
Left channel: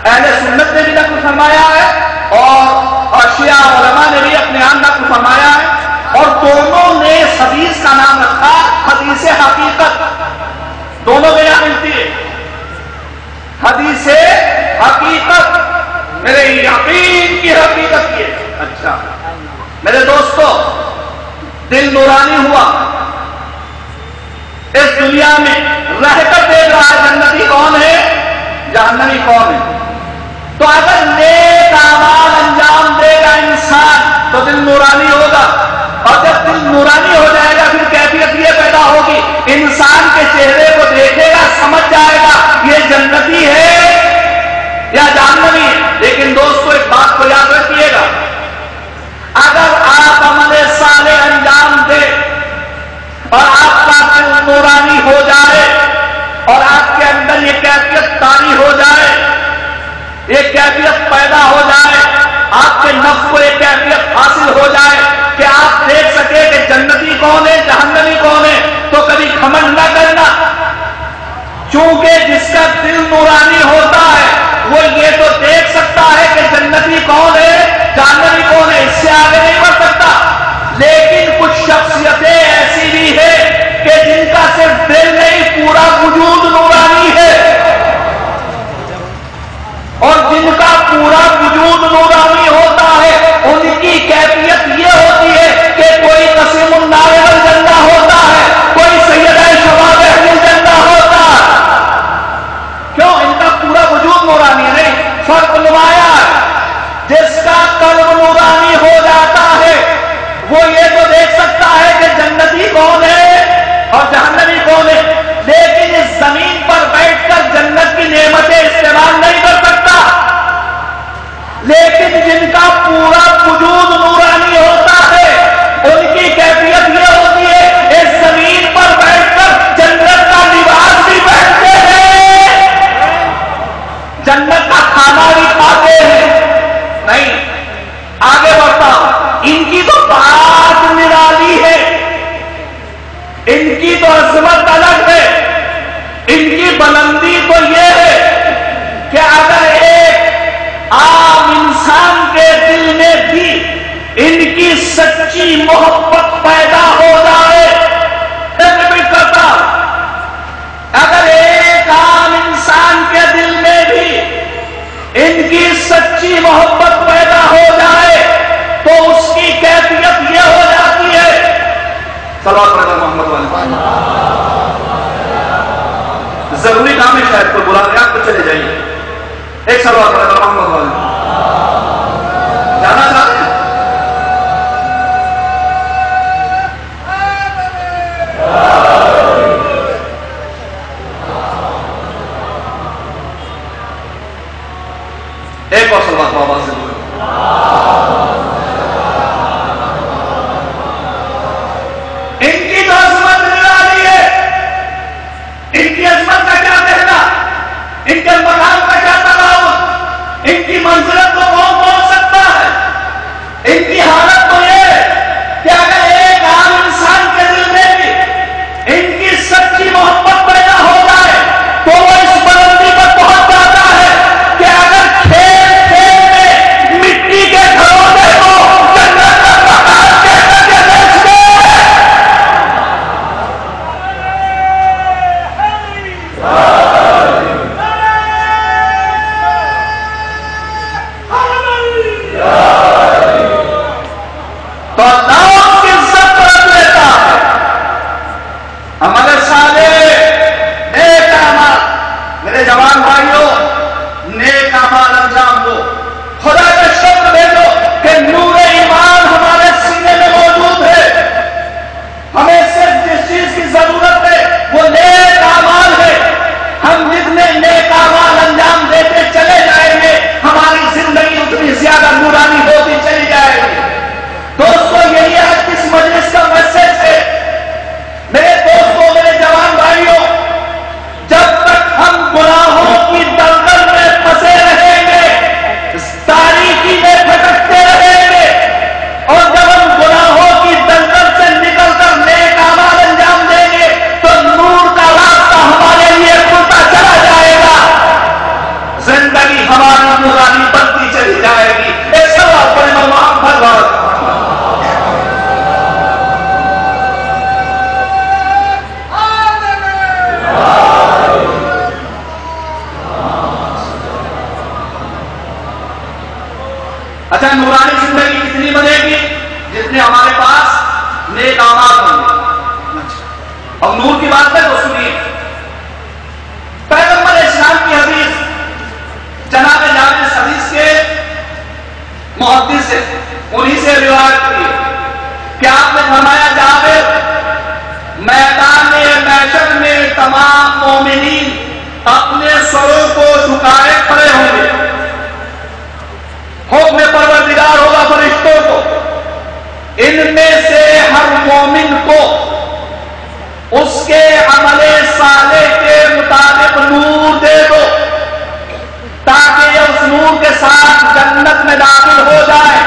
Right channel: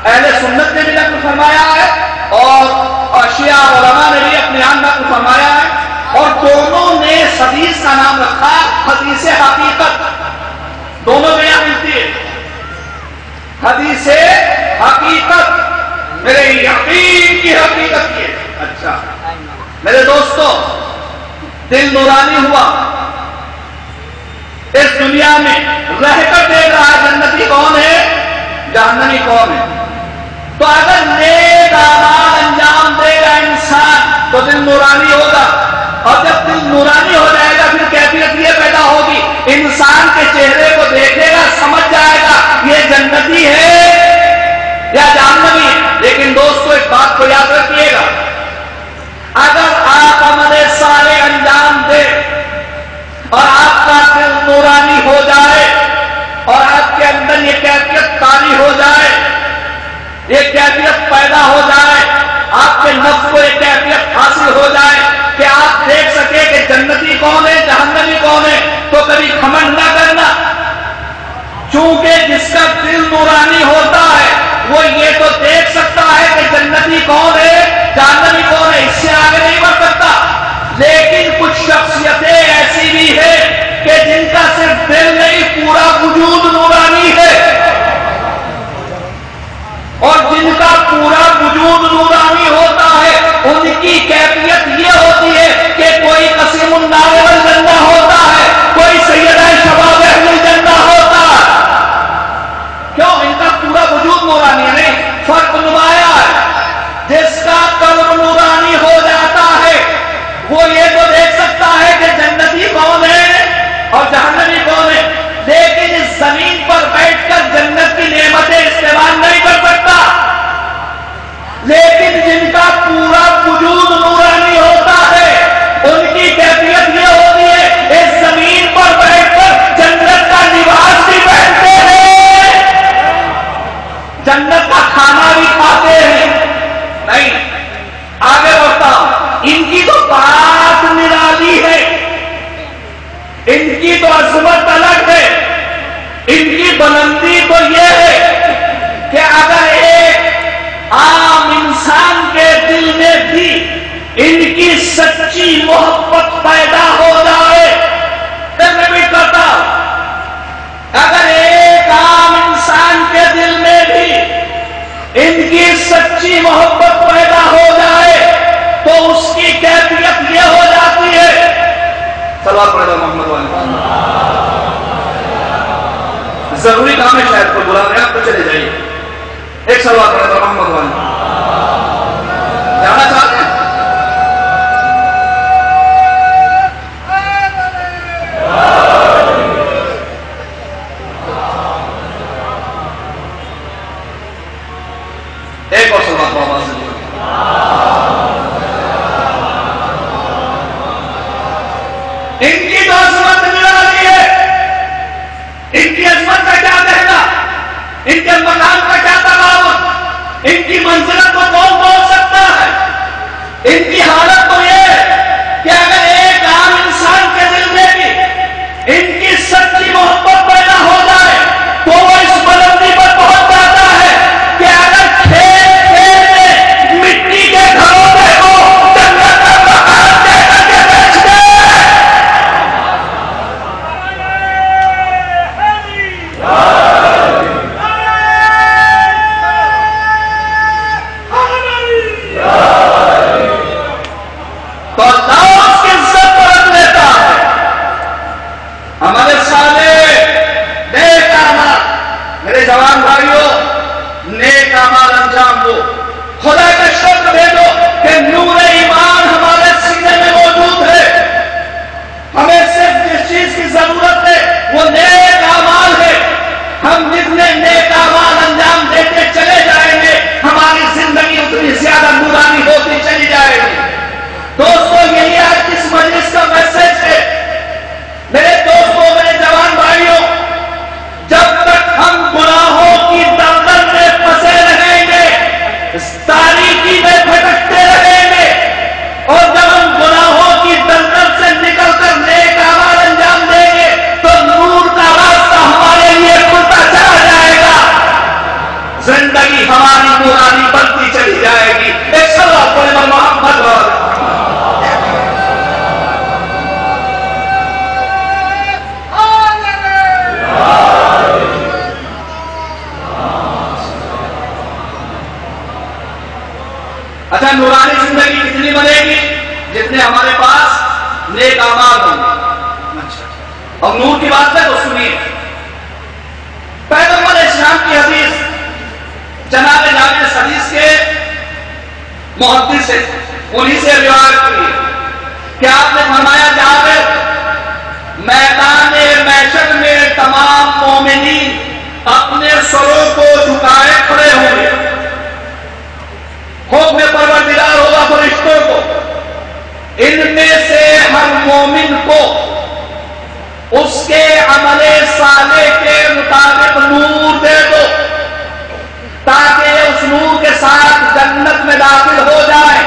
اہل سنت نے بھی نقل فرمایا ہے اور شیعہ علماء نے بھی اپنے یہاں نقل فرمایا ہے، اور دونوں نے اس حدیث کا نام رکھا حدیث حقیقت، دونوں میں یہاں ملتی ہے حدیث حقیقت، میرے یقین کی حقیقت یہ۔ اچھا میرے دوستو، دل نورانی ہوا، اس دنیا میں رہ کر دیکھ رہا جنتی کون ہے جہنمی کون ہے، تو اگر نیک اعمال انجام دے گا انسان تو دل نورانی ہوگا، اور جب دل نورانی ہو جائے گا پھر کیفیت یہ پیدا ہوگی انسان کے چہرے کو دیکھے گا سمجھ جائے گا یہ جنتی ہے یا جہنمی ہے۔ لیکن دوستو ایک بات کو یاد رکھیے گا، اگر آپ عمل صالح انجام دے اور آپ کا دل نورانی ہو جائے اور آپ کے اندر یہ کیفیت طاری ہو جائے، یہ کیفیت پیدا ہو جائے، آپ کے نفس کو یہ کیفیت حاصل ہو جائے کہ آپ دیکھ سکے کہ جنتی کون ہے جہنمی کون ہے، تو کبھی گھمنڈ نہ کرنا، چونکہ جس کا دل نورانی ہوتا ہے وہ یہ تو دیکھ سکتا ہے کہ جنتی کون ہے جہنمی کون ہے، اس سے آگے نہیں بڑھ سکتا۔ لیکن کچھ شخصیتیں ایسی بھی ہے کہ جن کا صرف دل نہیں پورا وجود نورانی ہے، اور جن کا پورا وجود نورانی ہوتا ہے ان کی کیفیت یہ ہوتی ہے کہ کوئی قسیم النار الجنہ ہوتا ہے، کوئی سیدہ شباب اہل الجنہ ہوتا ہے۔ کیوں؟ ان کا پورا وجود نورانی ہے، نہیں فرق نمایاں ہے۔ جس جنت کا کھانا بھی کھاتے ہیں. نہیں، آگے بڑھتا ہوں. ان کی تو بات نرالی ہے، ان کی تو عظمت الگ ہے. ان کی بلندی تو یہ ہے کہ اگر ایک عام انسان کے دل میں بھی ان کی سچی محبت پیدا ہو جائے، بھی کرتا، اگر ایک عام انسان کے دل میں بھی ان کی سچی محبت پیدا ہو جائے تو اس کی کیفیت یہ ہو جاتی ہے. صلوات پڑھیں محمد والی. ضروری کام ہے، شاید کوئی بلا رہے آپ تو چلے جائیے. ایک صلوات پڑھیں محمد والی. جانا چاہتے ہیں؟ ایک اور صلوات بابا سے بولو. ان کی تو عظمت نرالی ہے. ان کی عظمت کا کیا کہنا، ان کے مقام کا کیا تغاوت، ان کی منزلت کو کون پہنچ سکتا ہے. ان کی حالت تو یہ ہے کہ اگر ایک عام انسان کے دل میں بھی ان کی سچی محبت پیدا ہو جائے تو وہ اس بلندی پر پہنچ جاتا ہے کہ اگر کھیل کھیل میں مٹی کے گھروں میں ہو جنت کا مکان دے کر کے بیچ دے. تو اللہ اس کی عزت رکھ لیتا ہے. ہمارے سامنے نیک اعمال، میرے جوان بھائیوں، نیک اعمال انجام دو. خدا کا شکر دے دو کہ نور ایمان ہمارے سینے میں موجود ہے. ہمیں صرف جس چیز کی ضرورت ہے وہ نیک اعمال ہے. ہم جتنے نیک اعمال انجام دیتے چلے جائیں گے ہماری زندگی اتنی زیادہ نورانی ہوتی چلی جائے گی. دوستو، یہی آج اس مجلس کا میسج ہے. میرے دوستوں، میرے جوان بھائیوں، جب تک ہم گناہوں کی دلدل میں پھنسے رہیں گے، اس تاریکی میں بھٹکتے رہیں گے، اور جب ہم گناہوں کی دلدل سے نکل کر نیک اعمال انجام دیں گے تو نور کا راستہ ہمارے لیے کھلتا چلا جائے گا. زندگی ہماری نورانی بنتی چلی جائے گی. ایک سوال پر محمد بھر اچھا، نورانی زندگی کتنی بنے گی؟ جتنے ہمارے پاس نیک اعمال ہوں گے. اور نور کی بات ہے تو سنیے، پیغمبر اسلام کی حدیث جناب جابر حدیث کے محدث سے انہی سے روایت کی کہ آپ نے فرمایا، جابر، میدان محشر میں تمام مومنین اپنے سروں کو جھکائے کھڑے ہوں گے. حکم پروردگار ہوگا فرشتوں کو، ان میں سے ہر مومن کو اس کے عمل صالح کے مطابق نور دے دو تاکہ یہ اس نور کے ساتھ جنت میں داخل ہو جائے.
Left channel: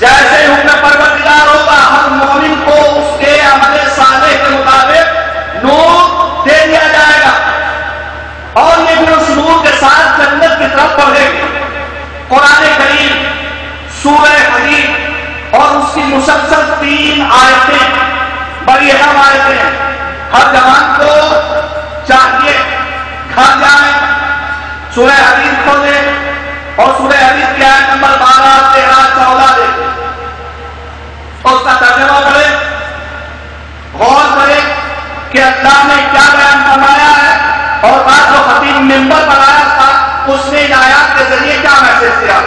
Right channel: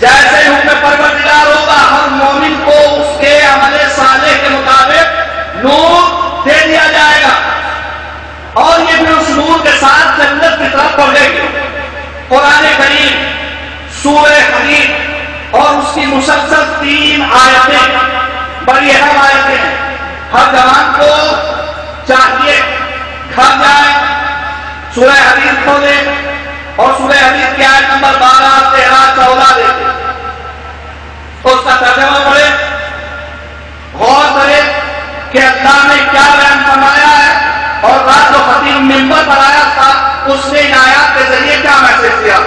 جیسے حکم پروردگار ہوگا ہر مومن کو اس کے عمل صالح کے مطابق نور دے دیا جائے گا اور یہ بھی اس نور کے ساتھ جنت کی طرف بڑھے گی. قرآن کریم سورہ حدید اور اس کی مسلسل 3 آیتیں بڑی اہم آیتیں ہیں. ہر جوان کو چاہیے گھر جائے، سورہ حدید کھولے اور سورہ حدید کی آیت نمبر 12، 13، 14 دیکھیں، اس کا ترجمہ پڑھے، غور کرے کہ اللہ نے کیا بیان فرمایا ہے اور رات جو خطیب منبر پر آیا تھا اس نے ان آیات کے ذریعے کیا میسج دیا.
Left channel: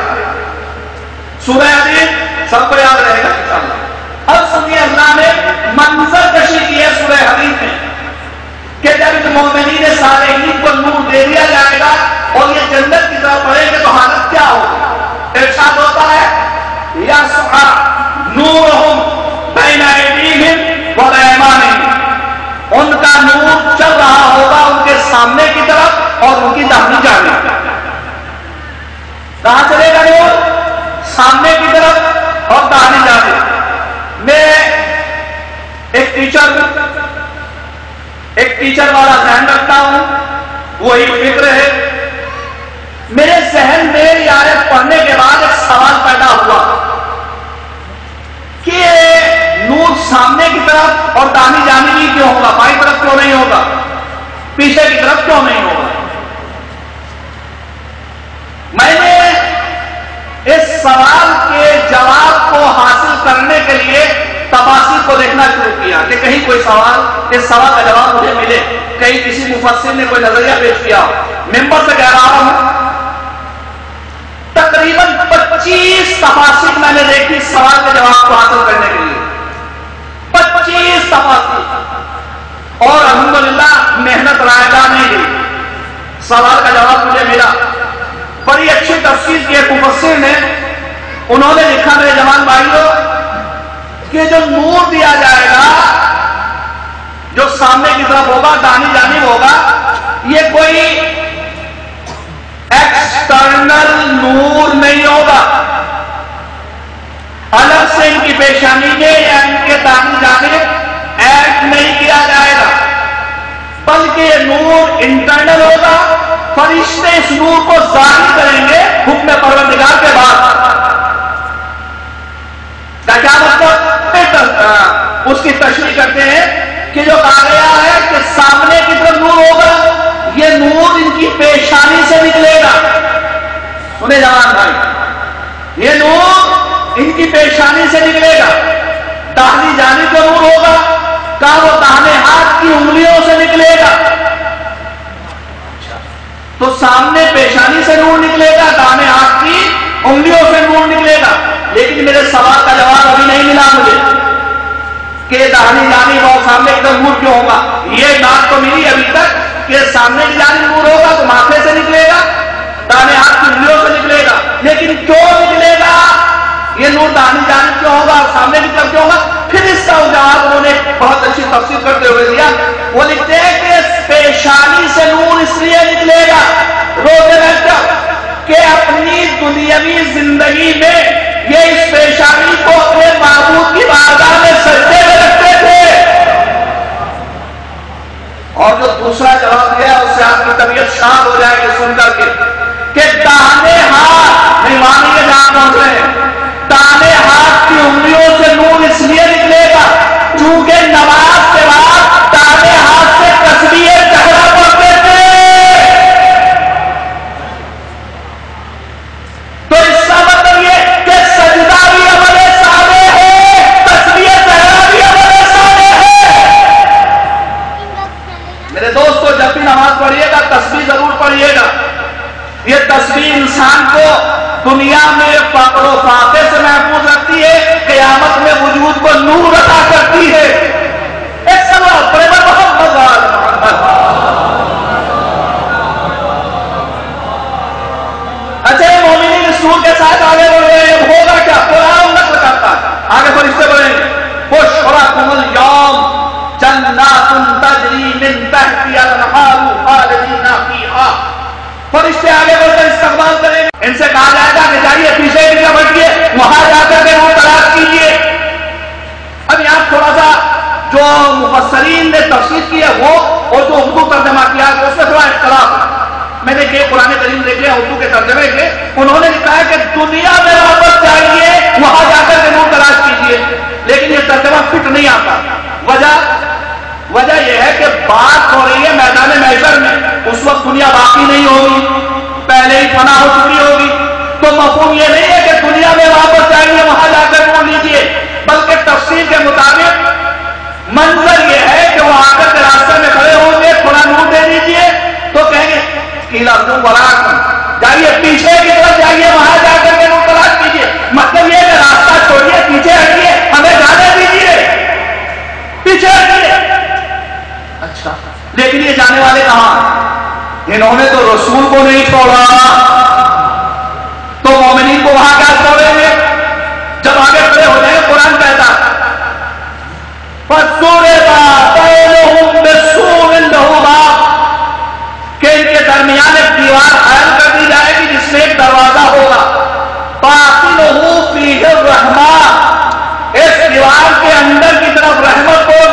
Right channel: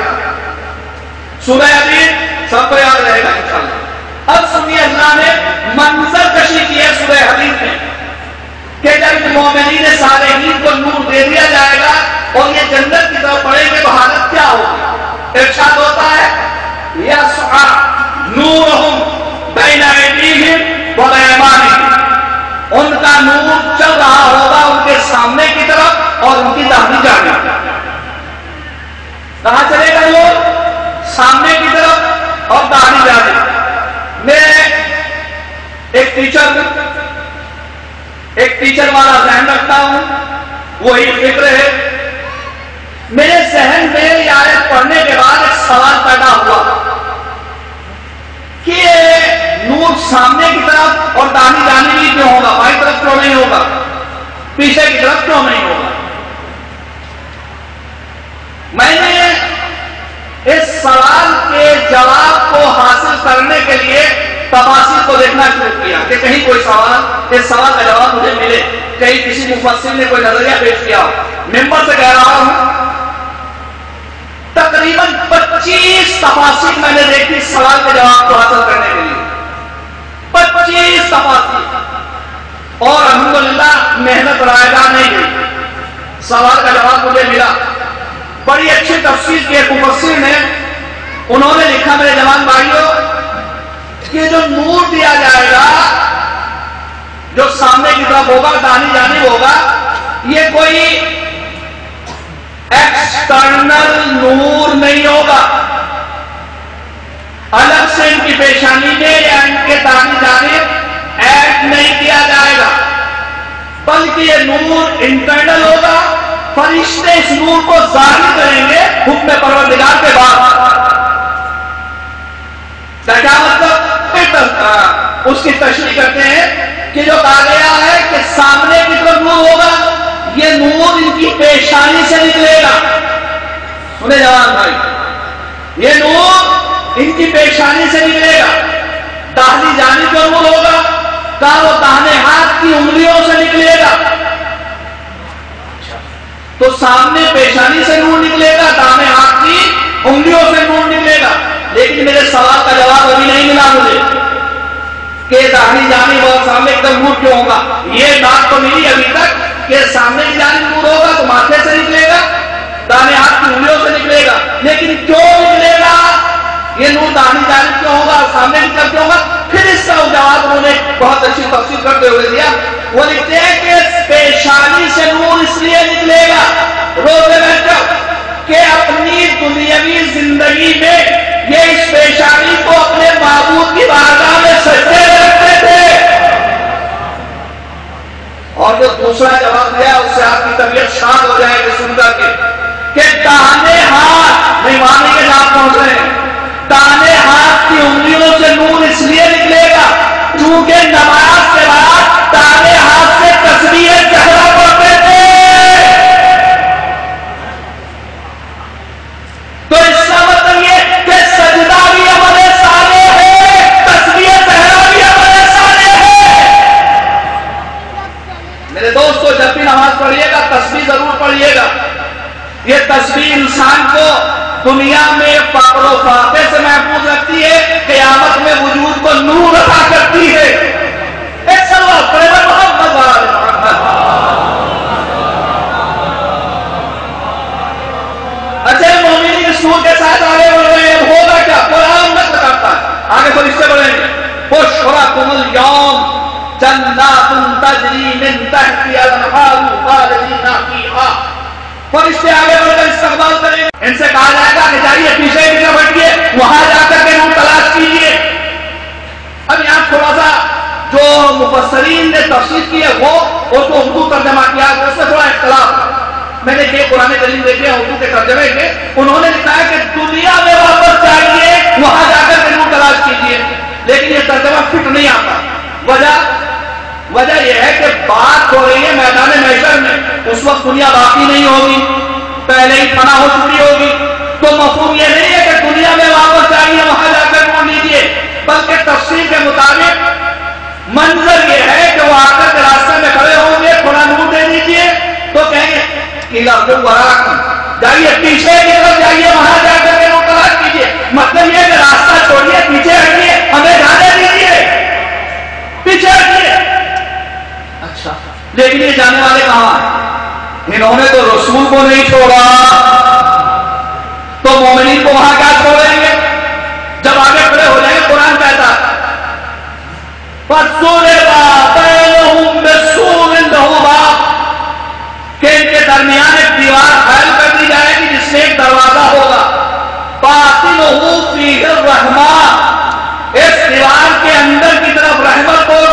سورہ حدید سب کو یاد رہے گا انشاءاللہ. اب سنیے، اللہ نے منظر کشی کی ہے سورہ حدید میں کہ جب مومنین صالحین کو نور دے دیا جائے گا اور یہ جنت کی طرف بڑھیں گے تو حالت کیا ہوگی. ارشاد ہوتا ہے، یسعی نورہم بین ایدیہم وبایمانہم، ان کا نور چل رہا ہوگا ان کے سامنے کی طرف اور ان کی داہنی جانب. ایک ٹیچر والا ذہن رکھتا ہوں، وہی فکر ہے. میرے ذہن میں یہ آیت پڑھنے کے بعد ایک سوال پیدا ہوا کہ نور سامنے کی طرف اور داہنی جانبی کیوں ہوگا، بائیں طرف کیوں نہیں ہوگا، پیچھے کی طرف کیوں نہیں ہوگا. میں نے اس سوال کے جواب کو حاصل کرنے کے لیے تفاسیر کو دیکھنا شروع کیا کہ کہیں کوئی سوال، اس سوال کا جواب مجھے ملے، کہیں کسی مفسر نے کوئی نظریہ پیش کیا. ممبر سے کہہ رہا ہوں تقریباً 25 تفاسیر میں نے دیکھی سوال کے جواب کو حاصل کرنے کے لیے. 25 تفاسیر، اور الحمدللہ محنت رائے گاہ نہیں ہوئی، سوال کا جواب مجھے ملا. بڑی اچھی تفسیر کی ایک مفسر نے، انہوں نے لکھا میرے جوان بھائیوں کہ جو نور دیا جائے گا، جو سامنے کی طرف ہوگا، داہنی جانب ہوگا، یہ کوئی ایکسٹرنل نور نہیں ہوگا، الگ سے ان کی پیشانی میں یا ان کے داہنی جانب ایڈ نہیں کیا جائے گا، بلکہ یہ نور انٹرنل ہوگا. فرشتے اس نور کو ظاہر کریں گے حکم پروردگار کے بعد. کیا مطلب؟ اس کی تشریح کرتے ہیں کہ جو کہا گیا ہے کہ سامنے کی طرف نور ہوگا، یہ نور ان کی پیشانی سے نکلے گا. انہیں جوان بھائی، یہ نور ان کی پیشانی سے نکلے گا. داہنی جانب کا نور ہوگا، کہا وہ داہنے ہاتھ کی انگلیوں سے نکلے گا. تو سامنے پیشانی سے نور نکلے گا، داہنے ہاتھ کی انگلیوں سے نور نکلے گا. لیکن میرے سوال کا جواب ابھی نہیں ملا مجھے کہ داہنی جانب اور سامنے کی طرف نور کیوں ہوگا. یہ بات تو ملی ابھی تک کہ سامنے کی جانب نور ہوگا تو ماتھے سے نکلے گا، داہنے ہاتھ کی انگلیوں سے نکلے گا. لیکن کیوں نکلے گا یہ نور، داہنی جانب کیوں ہوگا اور سامنے کی طرف کیوں ہوگا؟ پھر اس کا جواب انہوں نے بہت اچھی تفسیر کرتے ہوئے دیا. وہ لکھتے ہیں کہ پیشانی سے نور اس لیے نکلے گا روزے رہ کر کہ اپنی دنیاوی زندگی میں یہ اس پیشانی کو اپنے معبود کی بارگاہ میں سجدے میں رکھتے تھے. اور جو دوسرا جواب دیا اس سے آپ کی طبیعت شاد ہو جائے گی سن کر کے کہ داہنے ہاتھ، نہیں مانیں گے جہاں پہنچ رہے ہیں، داہنے ہاتھ کی انگلیوں سے نور اس لیے نکلے گا چونکہ نماز کے بعد داہنے ہاتھ سے تسبیح جہرا پڑھتے تھے. تو اس کا مطلب یہ کہ سجدہ بھی عمل صالح ہے، تسبیح جہرا بھی عمل صالح ہے. میرے دوستو، جب بھی نماز پڑھیے گا تسبیح ضرور پڑھیے گا. یہ تسبیح انسان کو دنیا میں فقر و فاقے سے محفوظ رکھتی ہے، قیامت میں وجود کو نور عطا کرتی ہے. ایک سوال پڑھے گا محمد اچھا مومنین اس نور کے ساتھ آگے بڑھ رہے ہیں، ہوگا کیا؟ قرآن نقل کرتا ہے. آگے فرشتے بولیں گے بشراکم اليوم جنات تجری من تحتها الانہار خالدین فیہا. فرشتے آگے بڑھ کر استقبال کریں گے. ان سے کہا جائے گا کہ جائیے پیچھے پیچھے بڑھیے، وہاں جا کر کے نور تلاش کیجیے. اب یہاں تھوڑا سا جو مفسرین نے تفسیر کی ہے وہ اور جو اردو ترجمہ کیا ہے اس میں تھوڑا اختلاف. میں نے یہ قرآن کریم دیکھے اردو کے ترجمے کے، انہوں نے لکھا ہے کہ دنیا میں واپس جائیے، وہاں جا کر کے نور تلاش کیجیے. لیکن یہ ترجمہ فٹ نہیں آتا. وجہ یہ ہے کہ بات ہو رہی ہے میدان محشر میں، اس وقت دنیا باقی نہیں ہوگی، پہلے ہی فنا ہو چکی ہوگی. تو مفہوم یہ نہیں ہے کہ دنیا میں واپس جائیے وہاں جا کر نور لیجیے، بلکہ تفسیر کے مطابق منظر یہ ہے کہ وہ آ کر کے راستے میں کھڑے ہوں گے، تھوڑا نور دے دیجیے تو کہیں گے جائیے پیچھے کی طرف جائیے، وہاں جا کر کے نور تلاش کیجیے. مطلب یہ کہ راستہ چھوڑیے، پیچھے ہٹیے، ہمیں جانے دیجیے، پیچھے ہٹیے. اچھا لیکن یہ جانے والے کہاں؟ انہوں نے تو رسول کو نہیں چھوڑا، تو مومنین کو وہاں کیا چھوڑیں گے؟ جب آگے کھڑے ہو جائیں قرآن کہتا کہ ان کے درمیان ایک دیوار حائل کر دی جائے گی جس سے ایک دروازہ ہوگا. باطنہ فیہ الرحمہ، اس دیوار کے اندر کی طرف رحمت ہوگی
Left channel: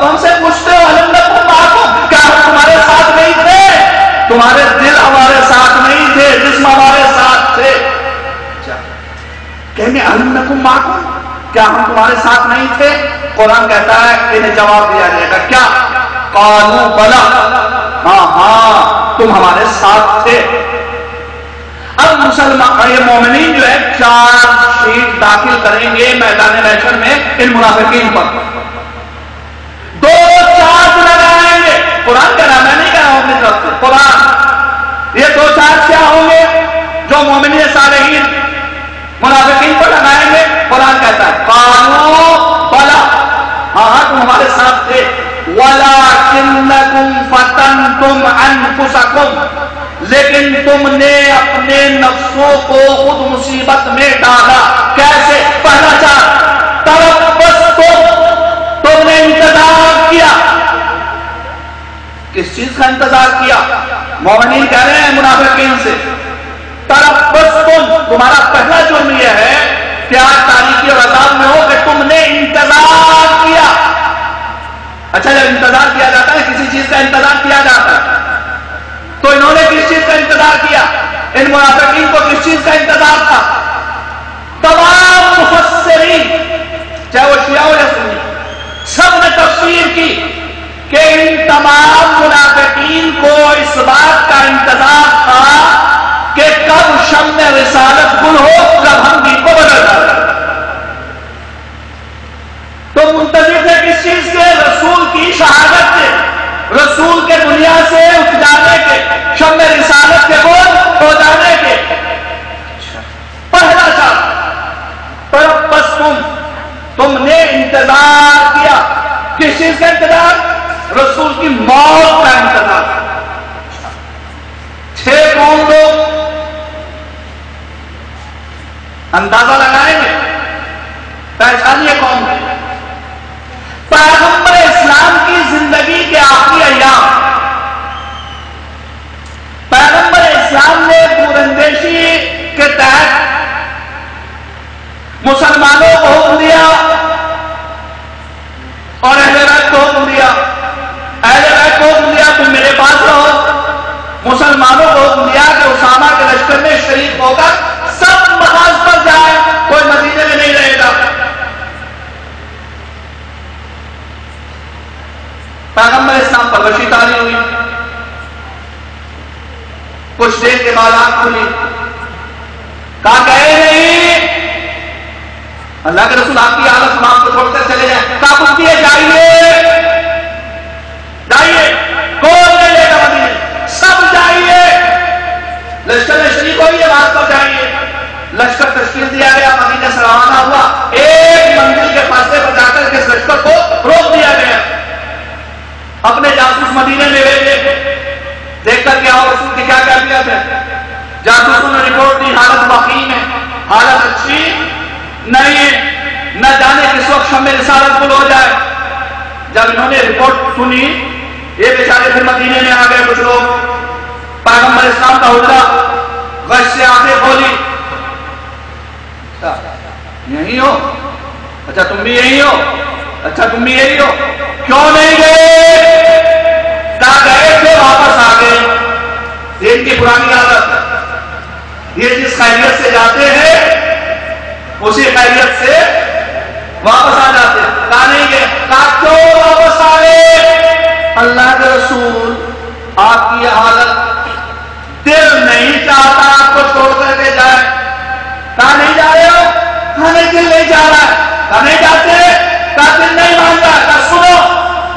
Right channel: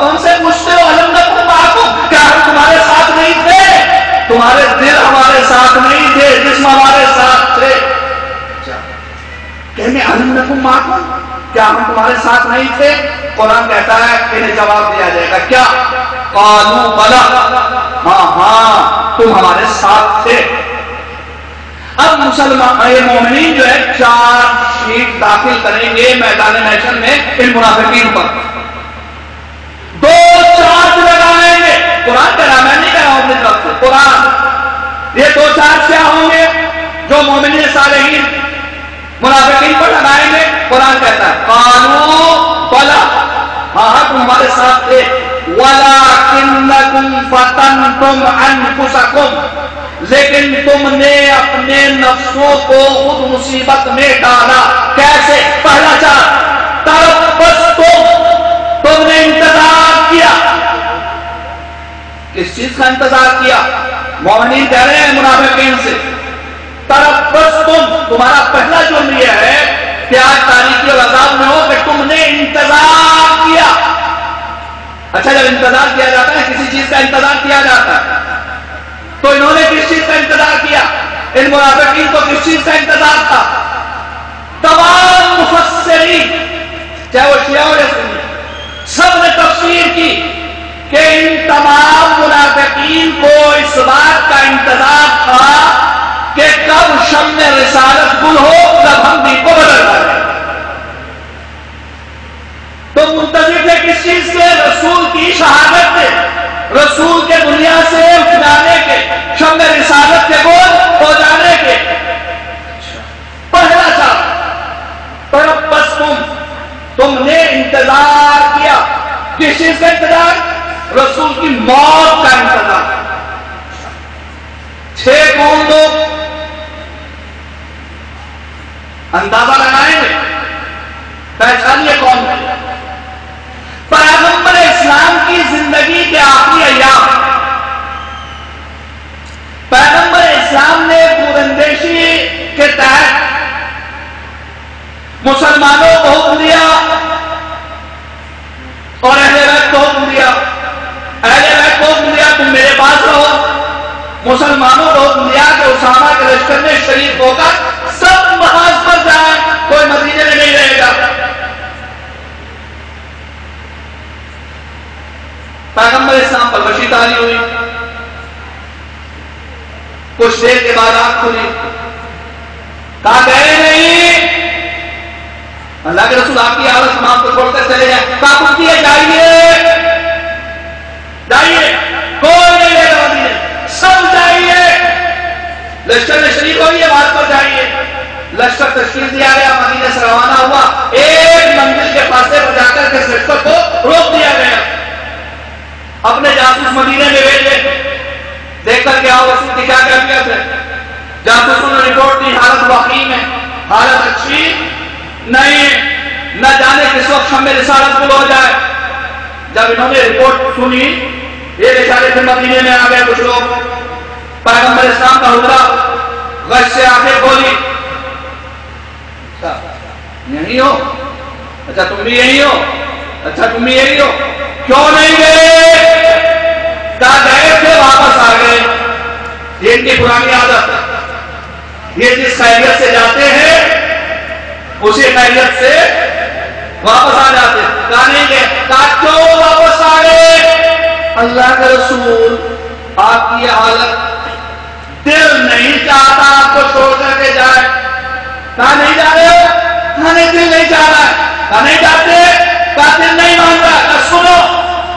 اب ہم سے پوچھتے ہو الم نکن معکم، کیا ہم تمہارے ساتھ نہیں تھے؟ تمہارے دل ہمارے ساتھ نہیں تھے، جسم ہمارے ساتھ تھے. کہیں الم نکن معکم، کیا ہم تمہارے ساتھ نہیں تھے؟ قرآن کہتا ہے انہیں جواب دیا جائے گا کیا؟ قالوا بلا، ہاں ہاں تم ہمارے ساتھ تھے. اب مسلمان یہ مومنین جو ہے چارج شیٹ داخل کریں گے میدان محشر میں ان منافقین پر، 2 چارج لگائیں گے. قرآن کا نام ہے، نہیں کہا ہوں اپنی طرف سے، قرآن. یہ 2 چارج کیا ہوں گے جو مومنین صالحین منافقین پر لگائیں گے؟ قرآن کہتا ہے قالوا بلا، ہاں ہاں تم ہمارے ساتھ تھے. وَلَكِنَّكُمْ فَتَنْتُمْ أَنفُسَكُمْ، لیکن تم نے اپنے نفسوں کو خود مصیبت میں ڈالا. کیسے؟ پہلا چارج تربصتم، تم نے انتظار کیا. کس چیز کا انتظار کیا؟ مومنین کہہ رہے ہیں منافقین سے تربصتم، تمہارا پہلا جرم یہ ہے پیار تاریخی اور عذاب میں ہو کہ تم نے انتظار کیا. اچھا جب انتظار کیا جاتا ہے، کسی چیز کا انتظار کیا جاتا ہے، تو انہوں نے کس چیز کا انتظار کیا؟ ان منافقین کو کس چیز کا انتظار تھا؟ تمام مفسرین چاہے وہ شیعہ ہو یا سنی سب نے تفسیر کی کہ ان تمام منافقین کو اس بات کا انتظار تھا کہ کب شمع رسالت گل ہو، کب ہم دین کو بدل ڈالیں. تو منتظر تھے کس چیز کے؟ رسول کی شہادت کے، رسول کے دنیا سے اٹھ جانے کے، شمع رسالت کے گول ہو جانے کے. پہلا شرط تربصتم، تم نے انتظار کیا. کس چیز کا انتظار؟ رسول کی موت کا انتظار. 6 کون لوگ؟ اندازہ لگائیں گے، پہچانیے کون ہے. پیغمبر اسلام کی زندگی کے آخری ایام پیغمبر اسلام نے دوراندیشی کے تحت مسلمانوں کو حکم دیا اور اہل بیت کو حکم دیا. اہل بیت کو حکم دیا تم میرے پاس رہو، مسلمانوں کو حکم دیا کہ اسامہ کے لشکر میں شریک ہو کر سب محاذ پر جائیں، کوئی مدینے میں نہیں رہے گا. پیغمبر اسلام پر وحی تاری ہوئی، کچھ دیر کے بعد آنکھ کھلی، کہا گئے نہیں، اللہ کے رسول آپ کی حالت تمام کو چھوڑتے چلے جائیں. کہا کچھ کیے جائیے جائیے، کوئی نہیں لے گا مدینے، سب جائیے، لشکر میں شریک ہوئیے، بات پر جائیے. لشکر تشکیل دیا گیا، مدینے سے روانہ ہوا. ایک منزل کے فاصلے پر جا کر کے لشکر کو روک دیا گیا. اپنے جاسوس مدینے میں بھیجے، دیکھ کر کے رسول کی کیا کیفیت ہے. جاسوسوں نے رپورٹ دی حالت وخیم ہے، حالت اچھی نہیں، نہ جانے کس وقت شمع رسالت گل ہو جائے. جب انہوں نے رپورٹ سنی، یہ بیچارے پھر مدینے میں آ گئے. کچھ لوگ پیغمبر اسلام کا حجرہ غش سے آنکھیں کھولی، یہی ہو؟ اچھا تم بھی یہی ہو؟ اچھا تم بھی یہی ہو؟ کیوں نہیں گئے؟ کہاں گئے تھے؟ واپس آ گئے. یہ ان کی پرانی عادت ہے، یہ جس خیریت سے جاتے ہیں اسی خیریت سے واپس آ جاتے. کہاں نہیں گئے؟ کہا کیوں واپس آ گئے؟ اللہ کے رسول آپ کی حالت دل نہیں چاہتا آپ کو چھوڑ کر کے جائے. کہاں نہیں جا رہے ہو؟ کہاں نہیں، دل نہیں جا رہا ہے. کہاں نہیں جاتے؟ کہا دل نہیں مان رہا. کہا سنو،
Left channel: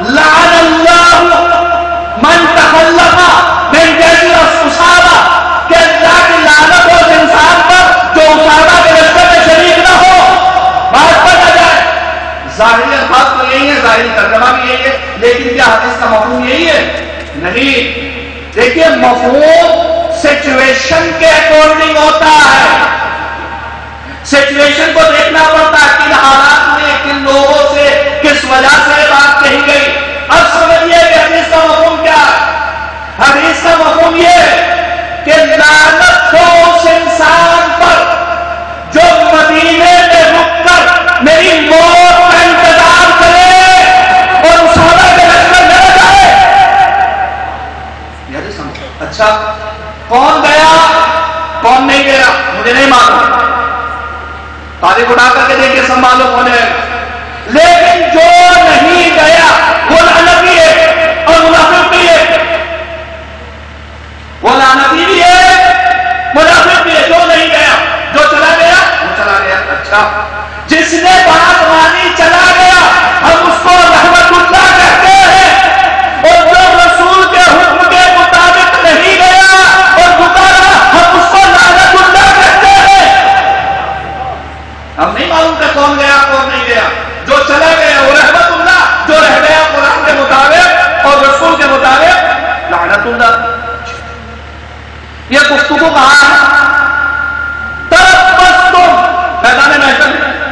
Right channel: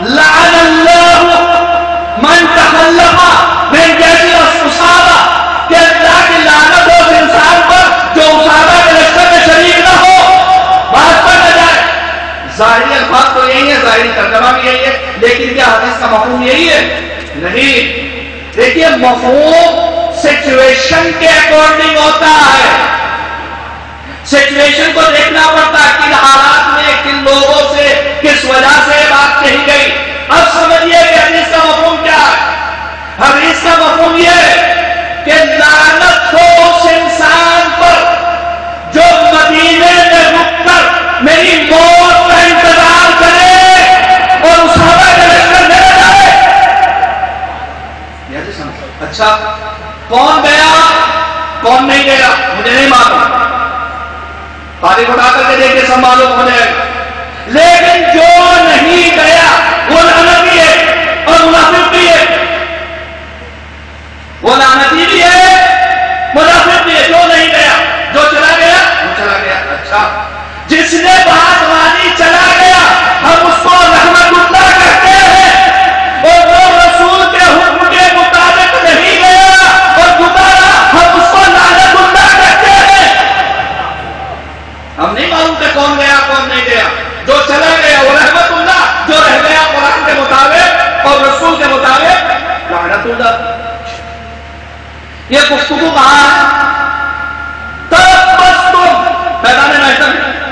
لعن اللہ من تخلف من جیسی اسامہ، کہ اللہ کی لعنت ہو اس انسان پر جو اسامہ کے لشکر میں شریک نہ ہو، بات پر نہ جائے. ظاہری الفاظ تو یہی ہے، ظاہری ترجمہ بھی یہی ہے، لیکن کیا حدیث کا مفہوم یہی ہے؟ نہیں. دیکھیے مفہوم سچویشن کے اکارڈنگ ہوتا ہے، سچویشن کو دیکھنا پڑتا ہے، کن حالات میں کن لوگوں سے کس وجہ سے بات کہی گئی. اب سمجھیے کہ حدیث کا مفہوم کیا ہے. حدیث کا مفہوم یہ ہے کہ لعنت ہو اس انسان پر جو مدینے میں رک کر میری موت کا انتظار کرے اور اس اچھا کون گیا کون نہیں گیا مجھے نہیں معلوم، تاریخ اٹھا کر کے دیکھیے سب معلوم ہونے لگا، لیکن جو نہیں گیا وہ لعنتی بھی ہے اور منافق بھی ہے، وہ لعنتی بھی ہے منافق بھی ہے، جو نہیں گیا، جو چلا گیا وہ چلا گیا۔ اچھا جس نے بات مانی چلا گیا ہم اس کو رحمت اللہ کہتے ہیں، اور جو رسول کے حکم کے مطابق نہیں گیا اور گزارا ہم اس کو لعنت اللہ کہتے ہیں۔ ہم نہیں معلوم کہ کون گیا کون نہیں گیا، جو چلا گیا وہ رحمت اللہ، جو رہ گیا قرآن کے مطابق اور رسول کے مطابق لعنت اللہ۔ یہ گفتگو کہاں ہے؟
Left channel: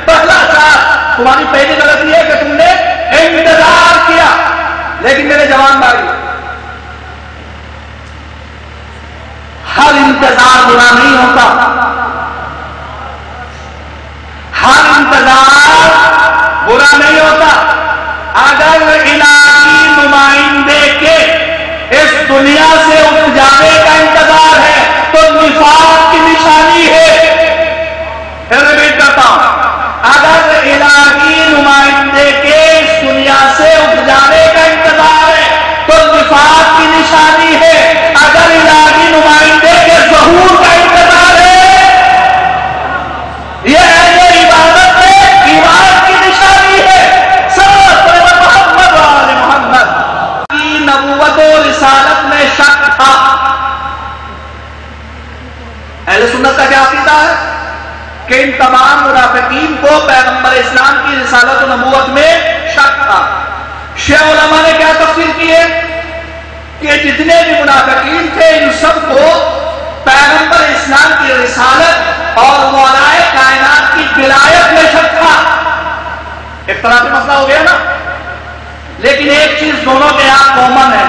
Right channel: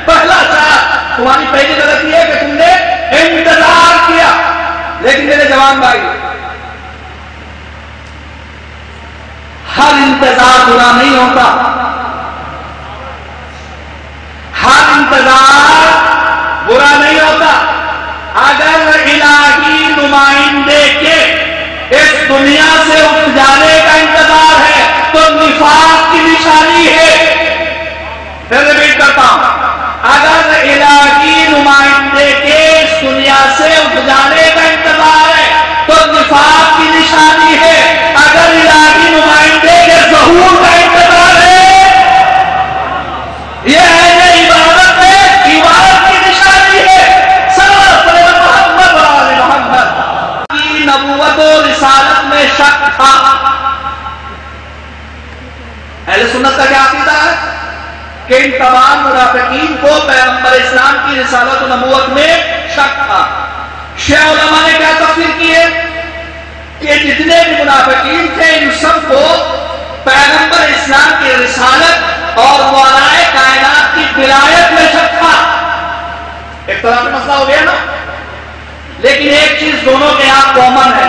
پہلا چار تمہاری پہلی غلطی ہے کہ تم نے انتظار کیا، لیکن میرے جوان بھائی ہر انتظار برا نہیں ہوتا، ہر انتظار برا نہیں ہوتا۔ اگر الہی نمائندے کے اس دنیا سے اٹھ جانے کا انتظار ہے تو نفاق کی نشانی ہے۔ میں ریپیٹ کرتا ہوں، اگر الہی نمائندے کے اس دنیا سے اٹھ جانے کا انتظار ہے تو نفاق کی نشانی ہے، اگر الہی نمائندے کے ظہور کا انتظار ہے یہ اہل عبادت ہے، عبادت کی نشانی ہے۔ محمد کی نبوت و رسالت میں شک تھا۔ اہل سنت کا کیا عقیدہ ہے کہ ان تمام منافقین کو پیغمبر اسلام کی رسالت و نبوت میں شک تھا۔ شیعہ علماء نے کیا تفسیر کی ہے کہ جتنے بھی منافقین تھے ان سب کو پیغمبر اسلام کی رسالت اور والائے کائنات کی ولایت میں شک تھا۔ ایک طرح سے مسئلہ ہو گیا نا، لیکن ایک چیز دونوں کے یہاں کامن ہے،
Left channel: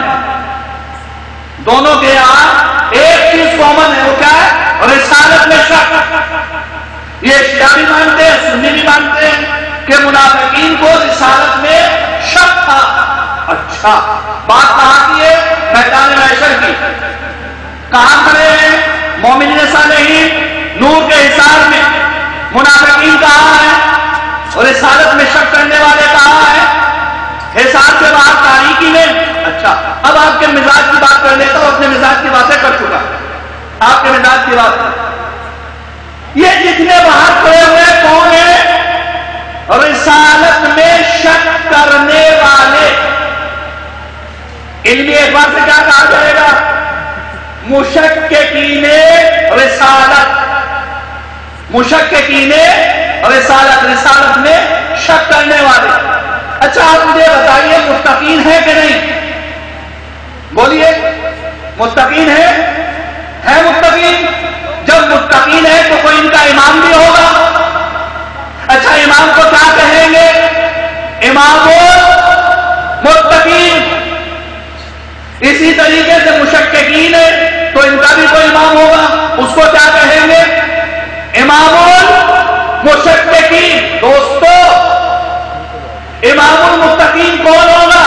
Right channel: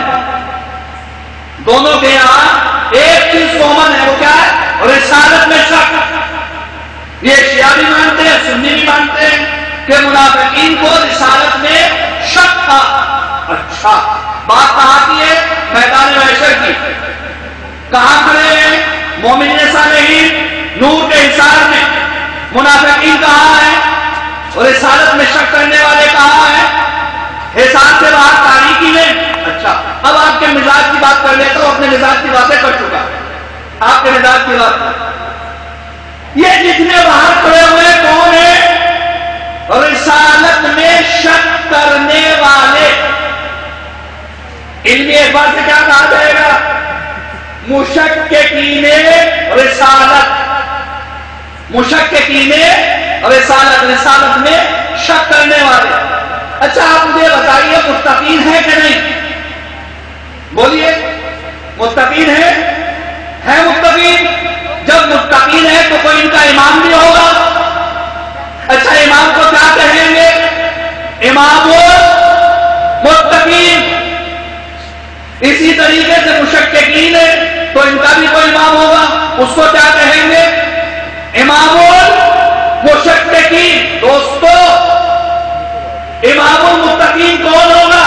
دونوں کے یہاں ایک چیز کامن ہے، وہ کیا ہے؟ رسالت میں شک۔ یہ شیعہ بھی مانتے ہیں، سنی بھی مانتے ہیں کہ منافقین کو رسالت میں شک تھا۔ اچھا بات کہاں کی ہے؟ میدان محشر کی۔ کہاں کھڑے ہیں؟ مومنین صالحین نور کے حصار میں، منافقین کہاں ہیں؟ اور رسالت میں شک کرنے والے کہاں ہیں؟ حصار سے باہر تاریکی میں۔ اچھا اب آپ کے مزاج کی بات کر لیتا ہوں، اپنے مزاج کی باتیں کر چکا، آپ کے مزاج کی بات۔ یہ جتنے باہر کھڑے ہوئے کون ہیں؟ رسالت میں شک کرنے والے۔ علمی اعتبار سے کیا کہا جائے گا؟ مشککین رسالت، مشککین رسالت، رسالت میں شک کرنے والے۔ اچھا آپ مجھے بتائیے متقین ہے کہ نہیں؟ بولیے متقین ہے متقین؟ جب متقین ہے تو کوئی ان کا امام بھی ہوگا۔ اچھا امام کو کیا کہیں گے؟ امام متقین۔ اسی طریقے سے مشککین ہے تو ان کا بھی کوئی امام ہوگا، اس کو کیا کہیں گے؟ امام المشککین۔ دوستو امام المتقین کون ہوگا؟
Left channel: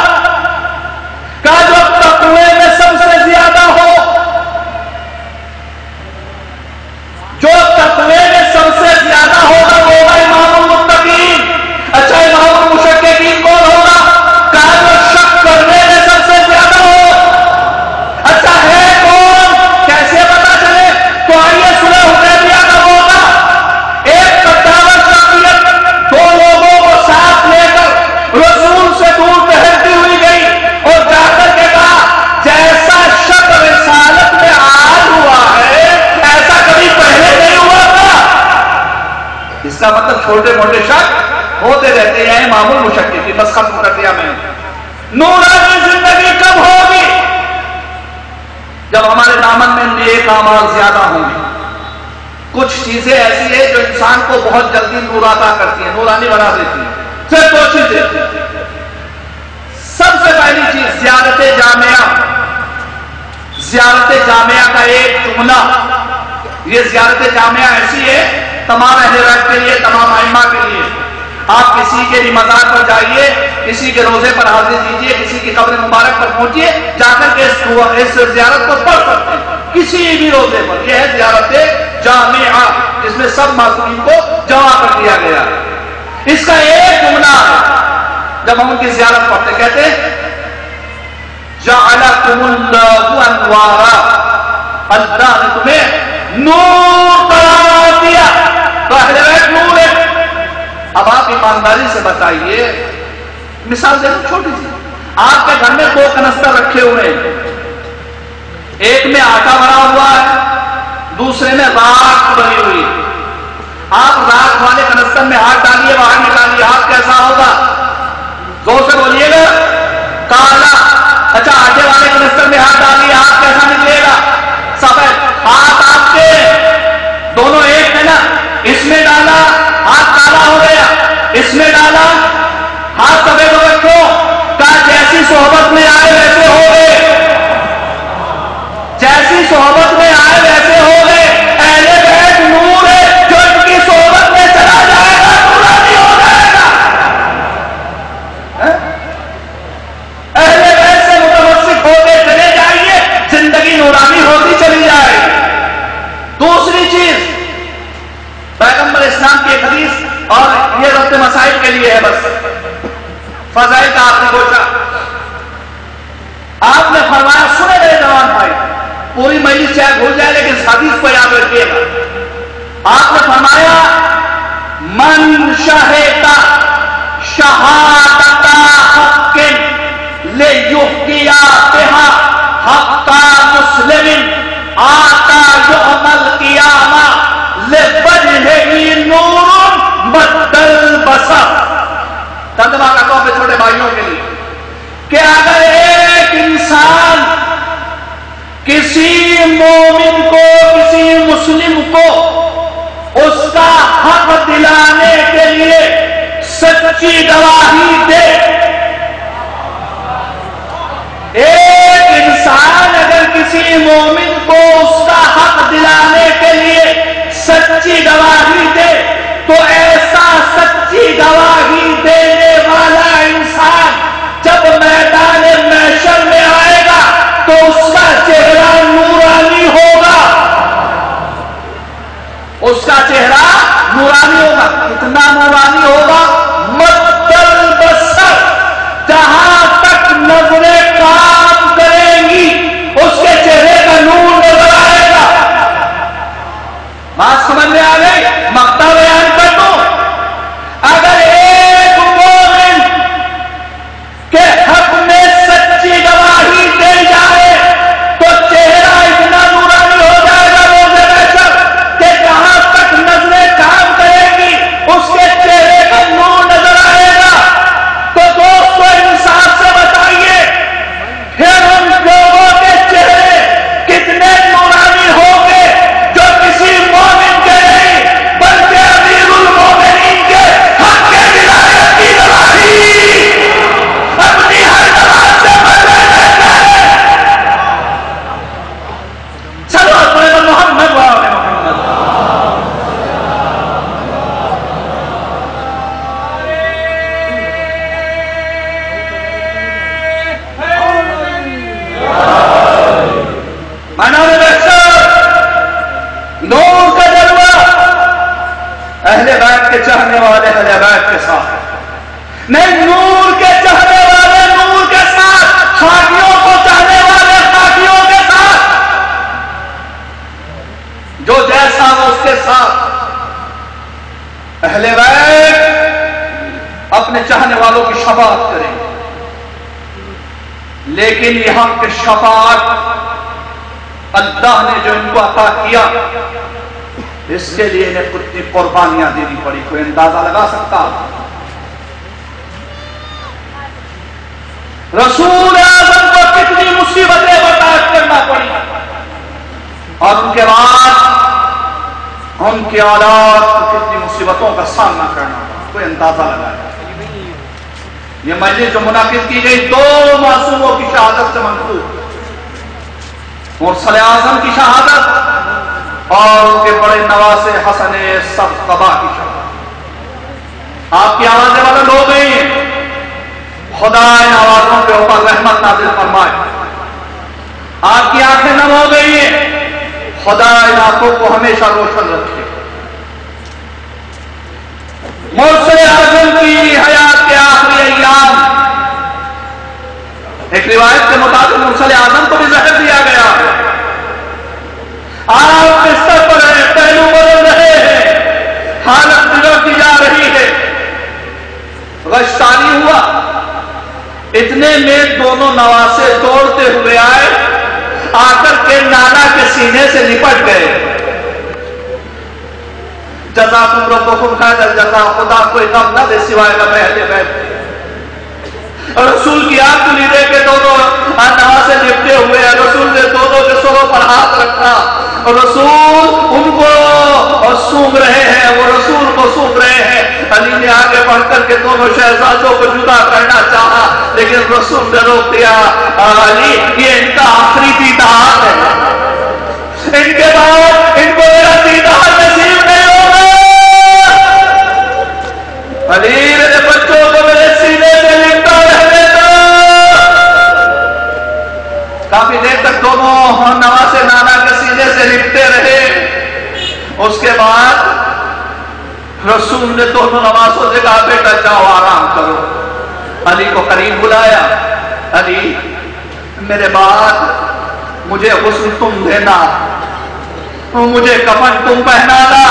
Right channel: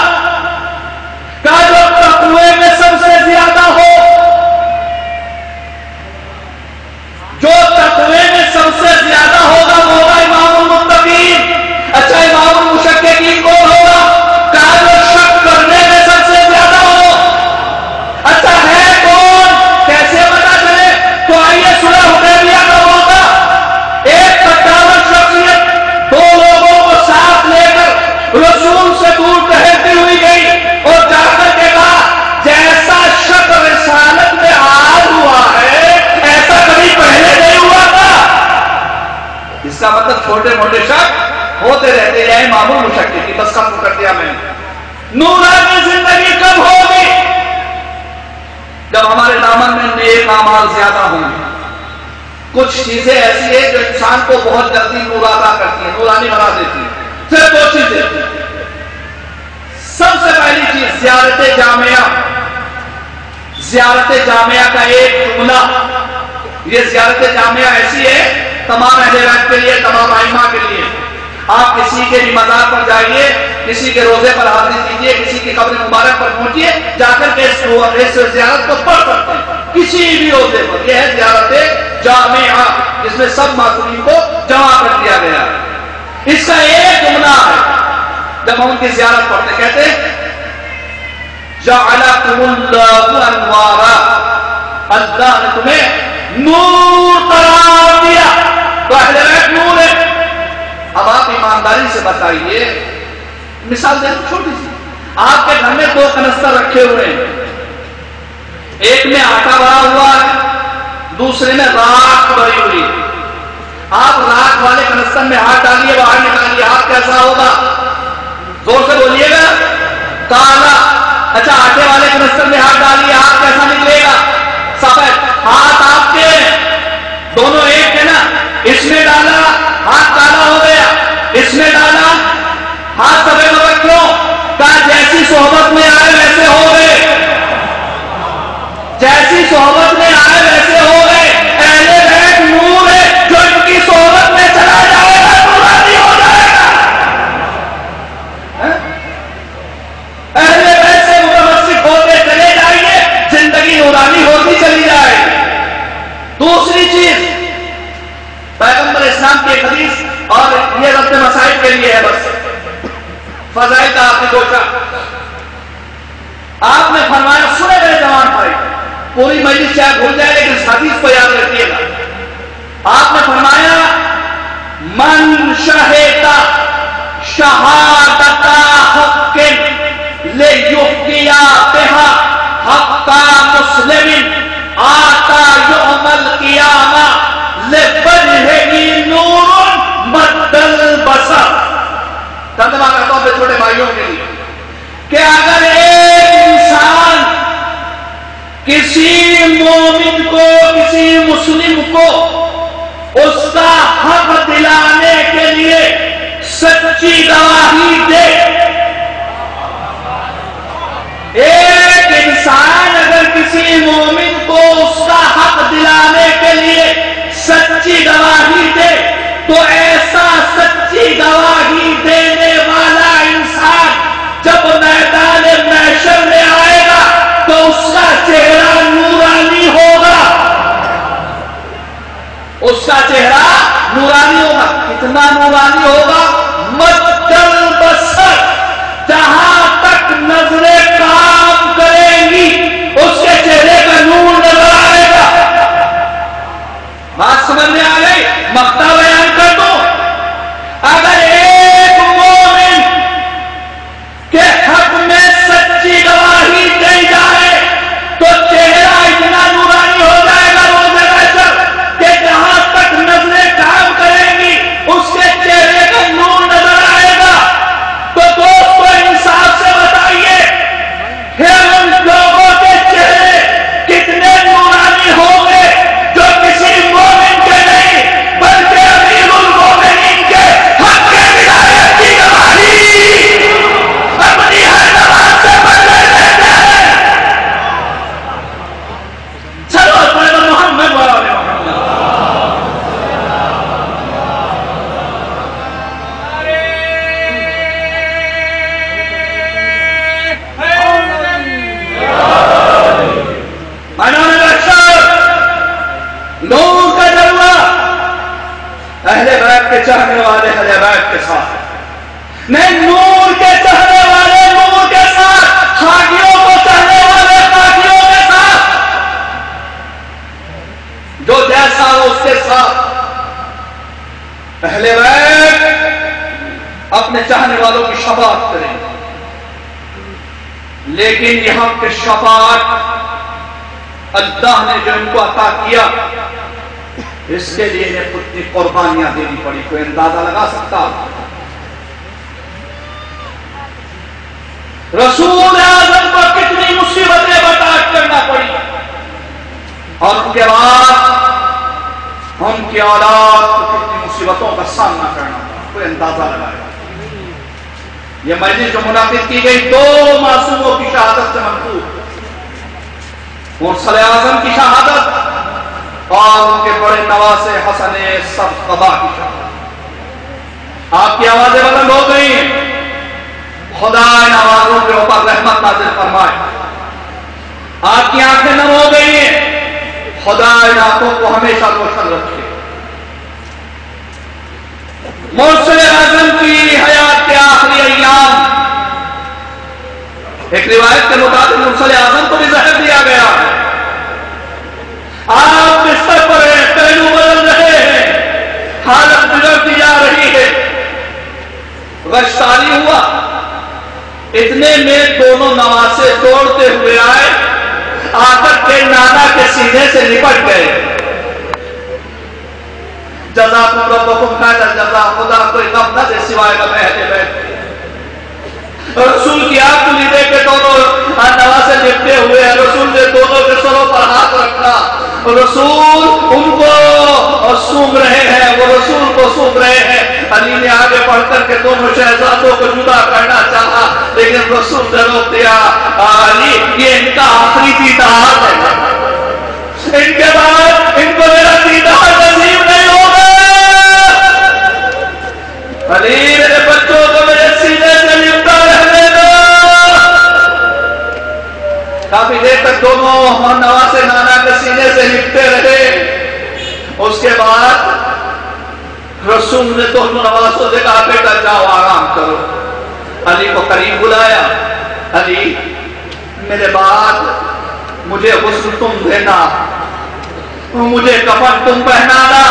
کا جو تقوی میں سب سے زیادہ ہو، جو تقوی میں سب سے زیادہ ہوگا وہ ہوگا امام المتقین۔ اچھا امام المشککین کون ہوگا؟ کا جو شک کرنے میں سب سے زیادہ ہو۔ اچھا ہے کون؟ کیسے پتا چلے؟ تو آئیے سنیں حدیبیہ کا موقع۔ ایک 57 شخصیت دو لوگوں کو ساتھ لے کر رسول سے دور ٹہلتی ہوئی گئی اور جا کر کے کہا جیسا شک رسالت میں آج ہوا ہے ایسا کبھی پہلے نہیں ہوا تھا۔ اس کا مطلب چھوٹے موٹے شک ہوتے رہتے ہیں۔ امام المشککین بس ختم کر دیا میں نے۔ نورانی زندگی کب ہوگی؟ جب ہمارے دامن میں نیک اعمال زیادہ ہوں گے۔ کچھ چیزیں ایسی ہیں جو انسان کو بہت جلدی نور عطا کرتی ہیں، نورانی بنا دیتی ہیں۔ صرف دو چیزیں۔ سب سے پہلی چیز زیارت جامعہ۔ زیارت جامعہ کا ایک جملہ، یہ زیارت جامعہ ایسی ہے تمام اہل بیت کے لیے، تمام ائمہ کے لیے۔ آپ کسی کے بھی مزار پر جائیے، کسی کے روزے پر حاضری دیجیے، کسی کی قبر مبارک پر پہنچیے، جا کر کے اس زیارت کو پڑھ سکتے ہیں کسی بھی روزے پر۔ یہ ہے زیارت جامعہ، جس میں سب معصومین کو جمع کر دیا گیا ہے۔ اس کا ایک جملہ ہے جب ہم ان کی زیارت پڑھتے، کہتے ہیں جعلکم اللہ انوارا، اللہ نے تمہیں نور قرار دیا۔ تو اہل بیت نور ہے۔ اب آپ ایمانداری سے بتائیے، مثال دیں چھوٹی سی، آپ کے گھر میں 2 کنستر رکھے ہوئے ہیں، ایک میں آٹا بھرا ہوا ہے، دوسرے میں راکھ بھری ہوئی۔ آپ راکھ والے کنستر میں ہاتھ ڈالیے، باہر نکالیے، ہاتھ کیسا ہوگا؟ زور سے بولیے گا، کالا۔ اچھا آٹے والے کنستر میں ہاتھ ڈالیے، ہاتھ کیسا نکلے گا؟ سفید۔ ہاتھ آپ کے دونوں ایک ہے نا، اس میں ڈالا ہاتھ کالا ہو گیا، اس میں ڈالا ہاتھ سفید ہو گیا۔ کیوں؟ کہا جیسی صحبت میں آئے ویسے ہو گئے، جیسی صحبت میں آئے ویسے ہو گئے۔ اہل بیت نور ہے، جو ان کی صحبت میں چلا جائے گا نورانی ہو جائے گا۔ اہل بیت سے متمسک ہوتے چلے جائیے، زندگی نورانی ہوتی چلی جائے گی۔ دوسری چیز، پیغمبر اسلام کی ایک حدیث، اور یہ ربط مسائل کے لیے ہے، بس فضائل کا آپ نے پوچھا، آپ نے فرمایا، سنے گئے جوان بھائی، پوری مجلس چاہے بھول جائے لیکن اس حدیث کو یاد رکھیے گا۔ آپ نے فرمایا من شہد شہادت حق لیحکیا بہا حق مسلم آتا یوم القیامہ لوجہہ نور مد البصر۔ ترجمہ کرتا ہوں پہ چھوٹے بھائیوں کے لیے کہ اگر ایک انسان کسی مومن کو، کسی مسلم کو اس کا حق دلانے کے لیے سچی گواہی دے، ایک انسان اگر کسی مومن کو اس کا حق دلانے کے لیے سچی گواہی دے، تو ایسا سچی گواہی دینے والا انسان جب میدان محشر میں آئے گا تو اس کا چہرہ نورانی ہوگا، اس کا چہرہ نورانی ہوگا۔ کتنا نورانی ہوگا؟ مد البصر، جہاں تک نظریں کام کریں گی اس کے چہرے کا نور نظر آئے گا۔ بات سمجھ میں آ گئی؟ مقطع بیان کر دوں، اگر ایک مومن کے حق میں سچی گواہی دی جائے تو چہرہ اتنا نورانی ہو جائے گا روز محشر کہ جہاں تک نظریں کام کریں گی اس کے چہرے کا نور نظر آئے گا۔ تو دوستو انصاف سے بتائیے، پھر ان لوگوں کے چہرے کتنے نورانی ہوں گے جو کسی مومن کے نہیں بلکہ امیر المومنین کے حق کے ولایت کی گواہی اپنی ہر زبان سے بدلے دیتے ہیں۔ چلو پڑھے محمد وآل محمد۔ نور کا جلوہ اہل بیت کے چاہنے والے اہل بیت کے ساتھ نہیں، نور کے چاہنے والے نور کے ساتھ، خاکیوں کو چاہنے والے خاکیوں کے ساتھ، جو جیسا اس کے ساتھ۔ اہل بیت اپنے چاہنے والوں کی شفاعت کریں، لیکن یہاں کی شفاعت اللہ نے جو ان کو عطا کیا اس کے لیے انہیں کتنی قربانیاں دینی پڑی، کوئی اندازہ لگا سکتا؟ رسول اعظم کو کتنی مصیبتیں برداشت کرنا پڑی، اور ان کے بعد ان کی اولاد کو کتنی مصیبتوں کا سامنا کرنا پڑا، کوئی اندازہ لگائے۔ یہ مجلس جو منعقد کی گئی 2 معصوموں کی شہادت سے منقول، مرسل اعظم کی شہادت اور ان کے بڑے نواسے حسن سبزقبا کی شہادت۔ آپ کی آوازیں بلند ہو گئی. خدا ان آوازوں کے اوپر رحمت نازل فرمائے. آپ کی آنکھیں نم ہو گئی ہیں، خدا ان آنکھوں کو ہمیشہ روشن رکھے. مرشد اعظم کی حیات کے آخری ایام، ایک روایت کے مطابق مرشد اعظم کو بھی زہر دیا گیا. آپ بستر پر ہیں، پہلو بدل رہے ہیں، حالت بگڑتی جا رہی ہے. غشتانی ہوا، اتنے میں دونوں نواسے دوڑتے ہوئے آئے، آ کر کے نانا کے سینے سے لپٹ گئے. جزاکم ربکم خیر الجزا، خدا کوئی غم نہ دے سوائے نہ بہتے بہتے. رسول کی آنکھ کھلی دے کے دونوں نواسے لپٹے ہوئے ہیں. رسول نے دونوں کے سروں پر ہاتھ رکھا، رسول ان کو سونگ رہے ہیں، وہ رسول کو سونگ رہے ہیں. علی نے آگے بڑھ کر کے دونوں شہزادوں کو جدا کرنا چاہا، لیکن رسول نے روک دیا. علی یہ ان کا آخری دیدار ہے، ان کے بعد ان کو میرا دیدار نصیب نہیں ہوگا. علی میرے بچوں کو میرے سینے سے لپٹا رہنے دو. کافی دیر تک دونوں نواسے نانا کے سینے سے لپٹے رہے. اس کے بعد رسول نے دونوں نواسوں سے کہا بیٹا جاؤ آرام کرو. علی کو قریب بلایا. علی میرے بعد مجھے غسل تم دینا، مجھے کفن تم پہنانا،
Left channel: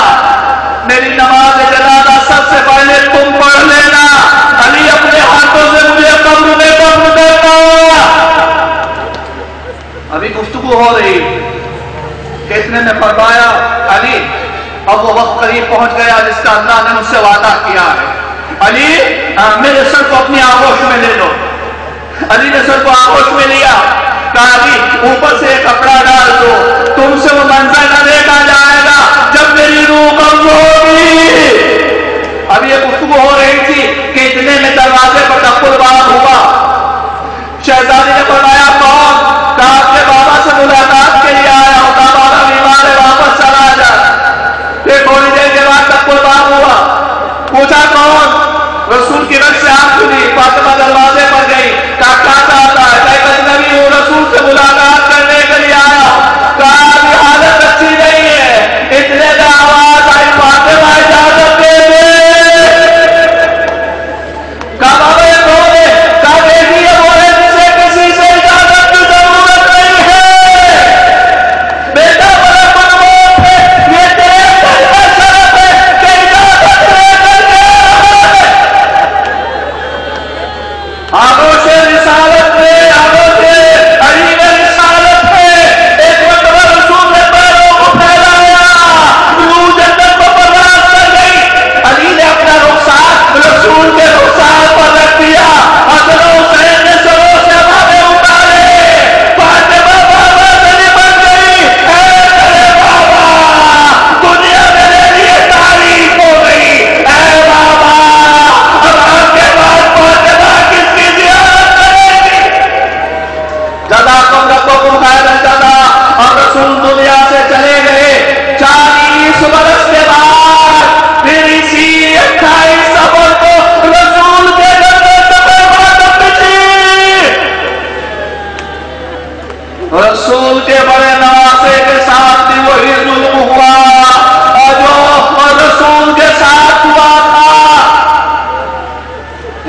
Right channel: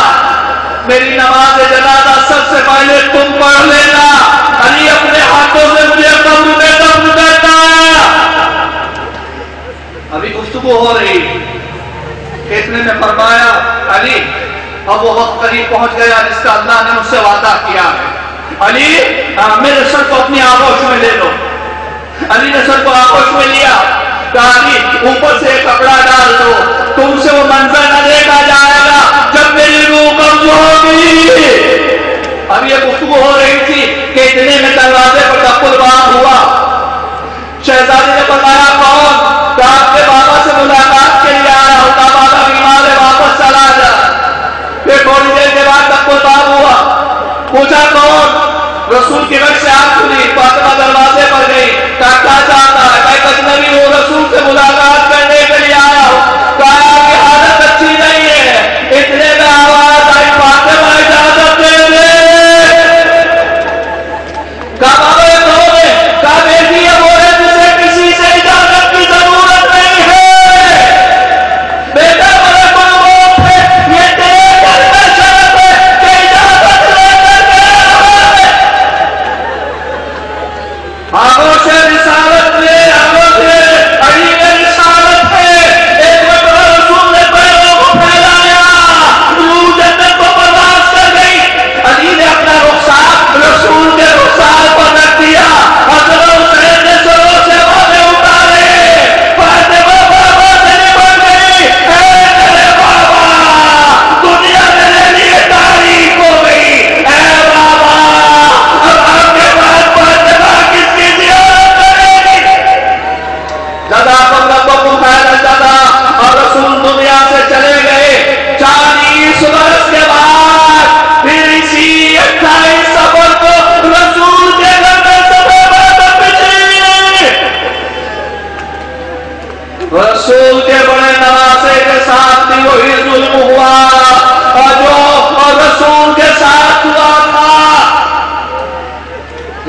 میری نماز جنازہ سب سے پہلے تم پڑھ لینا. علی اپنے ہاتھوں سے مجھے قبر میں دفن دینا. ابھی گفتگو ہو رہی، اتنے نے فرمایا علی اب وہ وقت قریب پہنچ گیا جس کا اللہ نے مجھ سے وعدہ کیا ہے. علی میرے سر کو اپنی آغوش میں لے لو. علی نے سر کو آغوش میں لیا. کہا علی اوپر سے ایک کپڑا ڈال دو، تم سے وہ منظر نہ دیکھا جائے گا جب میری روح قبض ہوگی. اب یہ گفتگو ہو رہی تھی کہ اتنے میں دروازے پر ٹپ الباب ہوا. شہزادی نے فرمایا کون؟ کہا اپنے بابا سے ملاقات کے لیے آیا ہوں. کہا بابا بیمار ہے، واپس چلا جا. پھر تھوڑی دیر کے بعد ٹپ الباب ہوا. پوچھا کون؟ رسول کی رخ سے آنکھ کھلی. فاطمہ دروازے پر گئی. کہا کیا چاہتا ہے؟ کہا ایک اجنبی ہوں، رسول سے ملاقات کرنے کے لیے آیا ہوں. کہا یہ حالت اچھی نہیں ہے. اتنے میں آواز آئی فاطمہ اجازت دے دے. کہا بابا یہ کون ہے؟ کہا دیکھیے وہ ہے جسے کسی سے اجازت کی ضرورت نہیں ہے. بیٹا بڑے مضبوط ہے، یہ تیرے گھر کا شرف ہے کہ اجازت لے کر کے آئے. آغوش رسالت میں، آغوش علی میں رسالت ہے. ایک مرتبہ رسول نے پیروں کو پھیلایا، روح جنت کو برداشت کر گئی. علی نے اپنا رخسار رسول کے رخسار پر رکھ دیا. حضرت حسین نے سروں سے باتیں اتارے. فاطمہ بابا سے نمٹ گئی. اے میرے بابا دنیا میرے لیے تاریخ ہو گئی. اے بابا اب آپ کے بعد فاطمہ کس کی زیارت کرے گی؟ جزاکم ربکم خیر الجزا. اور رسول دنیا سے چلے گئے. 40 برس کے بعد پھر اسی 28 صفر کو رسول کے گھر میں سبے بات پچھی. رسول کے بڑے نواسے کے ساتھ بھی وہی ظلم ہوا اور جو رسول کے ساتھ ہوا تھا.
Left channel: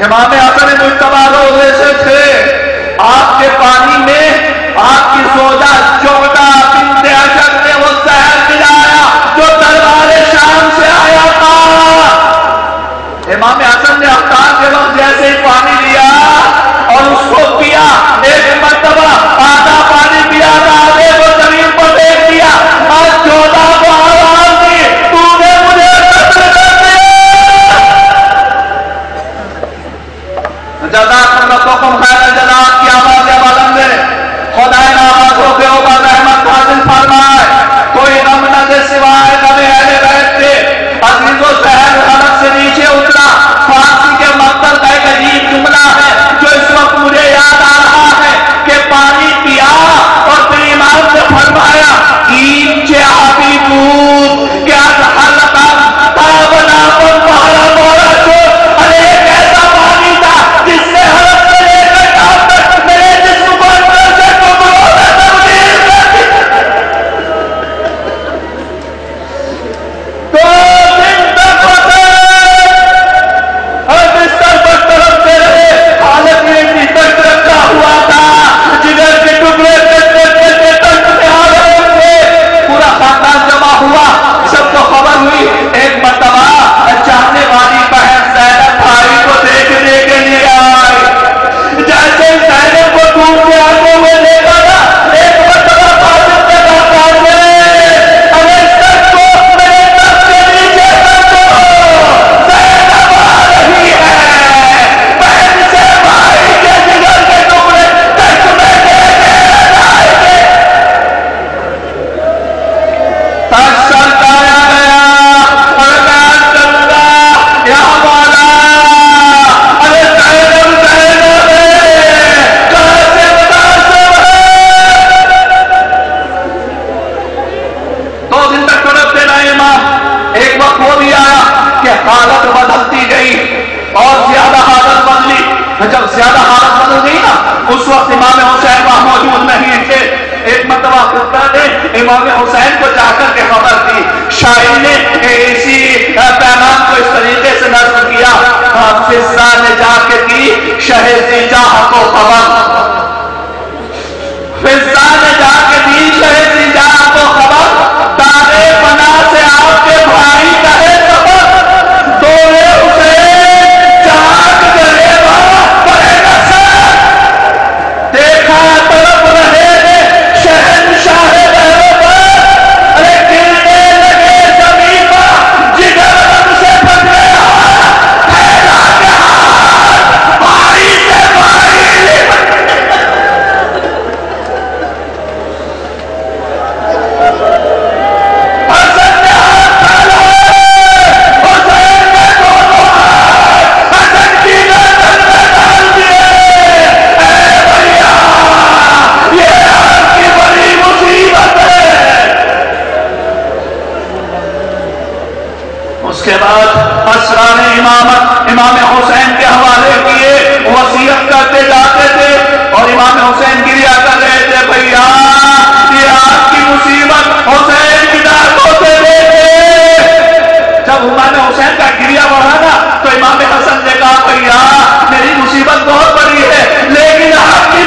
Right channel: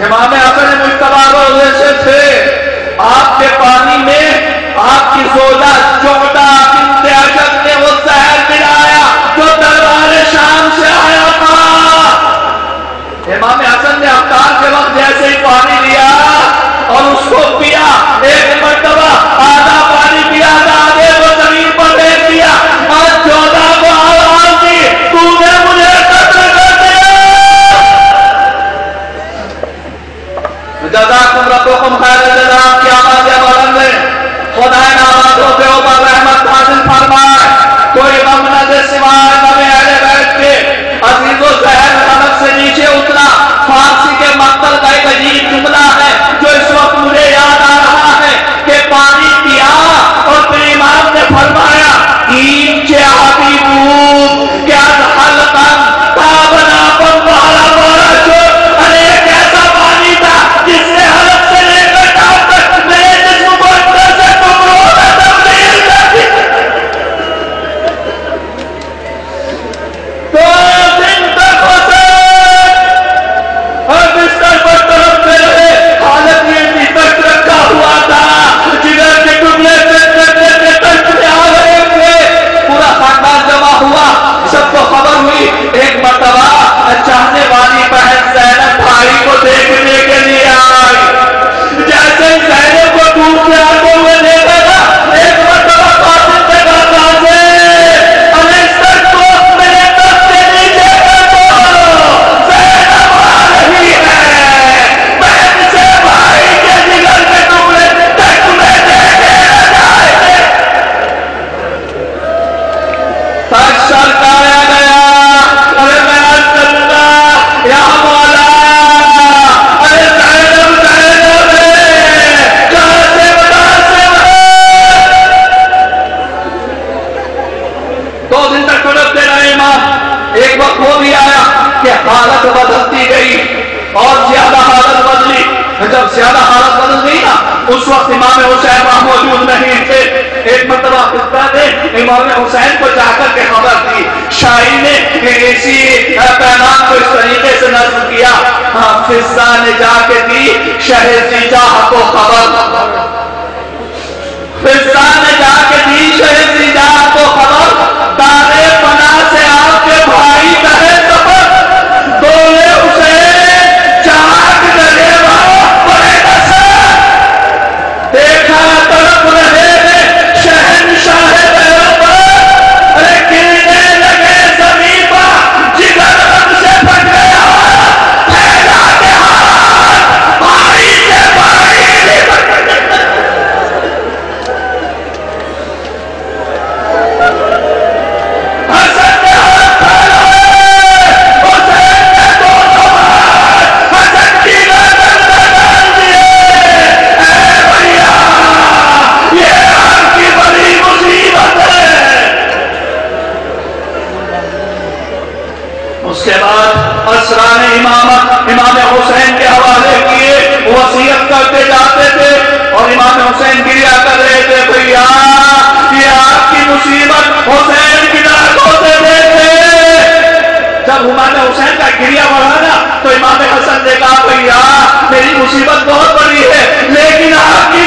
امام حسن مجتبی روزے سے تھے. آپ کے پانی میں آپ کی زوجہ جوہدہ بنت اشد نے وہ زہر پلایا جو دربار شام سے آیا تھا. امام حسن نے افطار کے وقت جیسے ہی پانی لیا اور اس کو پیا، ایک مرتبہ آدھا پانی پیا تھا، آدھے کو زمین پر دیکھ دیا اور 14 کہ حالت بدلتی گئی اور زیادہ حالت بدلی. جب زیادہ حالت بدل گئی نا اس وقت امام حسین وہاں موجود نہیں تھے. ایک مرتبہ خطبہ نے امام حسین کو جا کر کے خبر دی. شاعری نے اسی پیغام کو اس طریقے سے نظم کیا. فضا نے جا کے دی شہر زیجاہ کو خبر. فضا نے جا کے دی شہر زیجاہ کو خبر. تارے پنا سے آپ کے بھائی کا ہے خبر. دولے حسین چاک جلے بڑے نصر دیکھا طرف رہے شہنشاہ بہروبر. ارے گرنے لگے زمین پر جگر رب سے پھٹ گیا. پھیلا کے ہاتھ بھائی کے بھائی. حسن نے ہاتھ پھیلائے حسین نے دونوں ہاتھ حسن کی گردن میں ڈال دیے. اے بھیا یہ آپ کی بڑی مصیبت ہے. اس کے بعد اسران امامت امام حسین کے حوالے کیے. وصیت کرتے جاتے تھے اور امام حسین گریا کر رہے تھے. بھیا یہ آپ کی مصیبت حسین کی داغوں سے دیکھے. جب امام حسین کا گریا بڑھا نا تو امام حسن نے کہا بھیا میری مصیبت بہت بڑی ہے لیکن آپ کی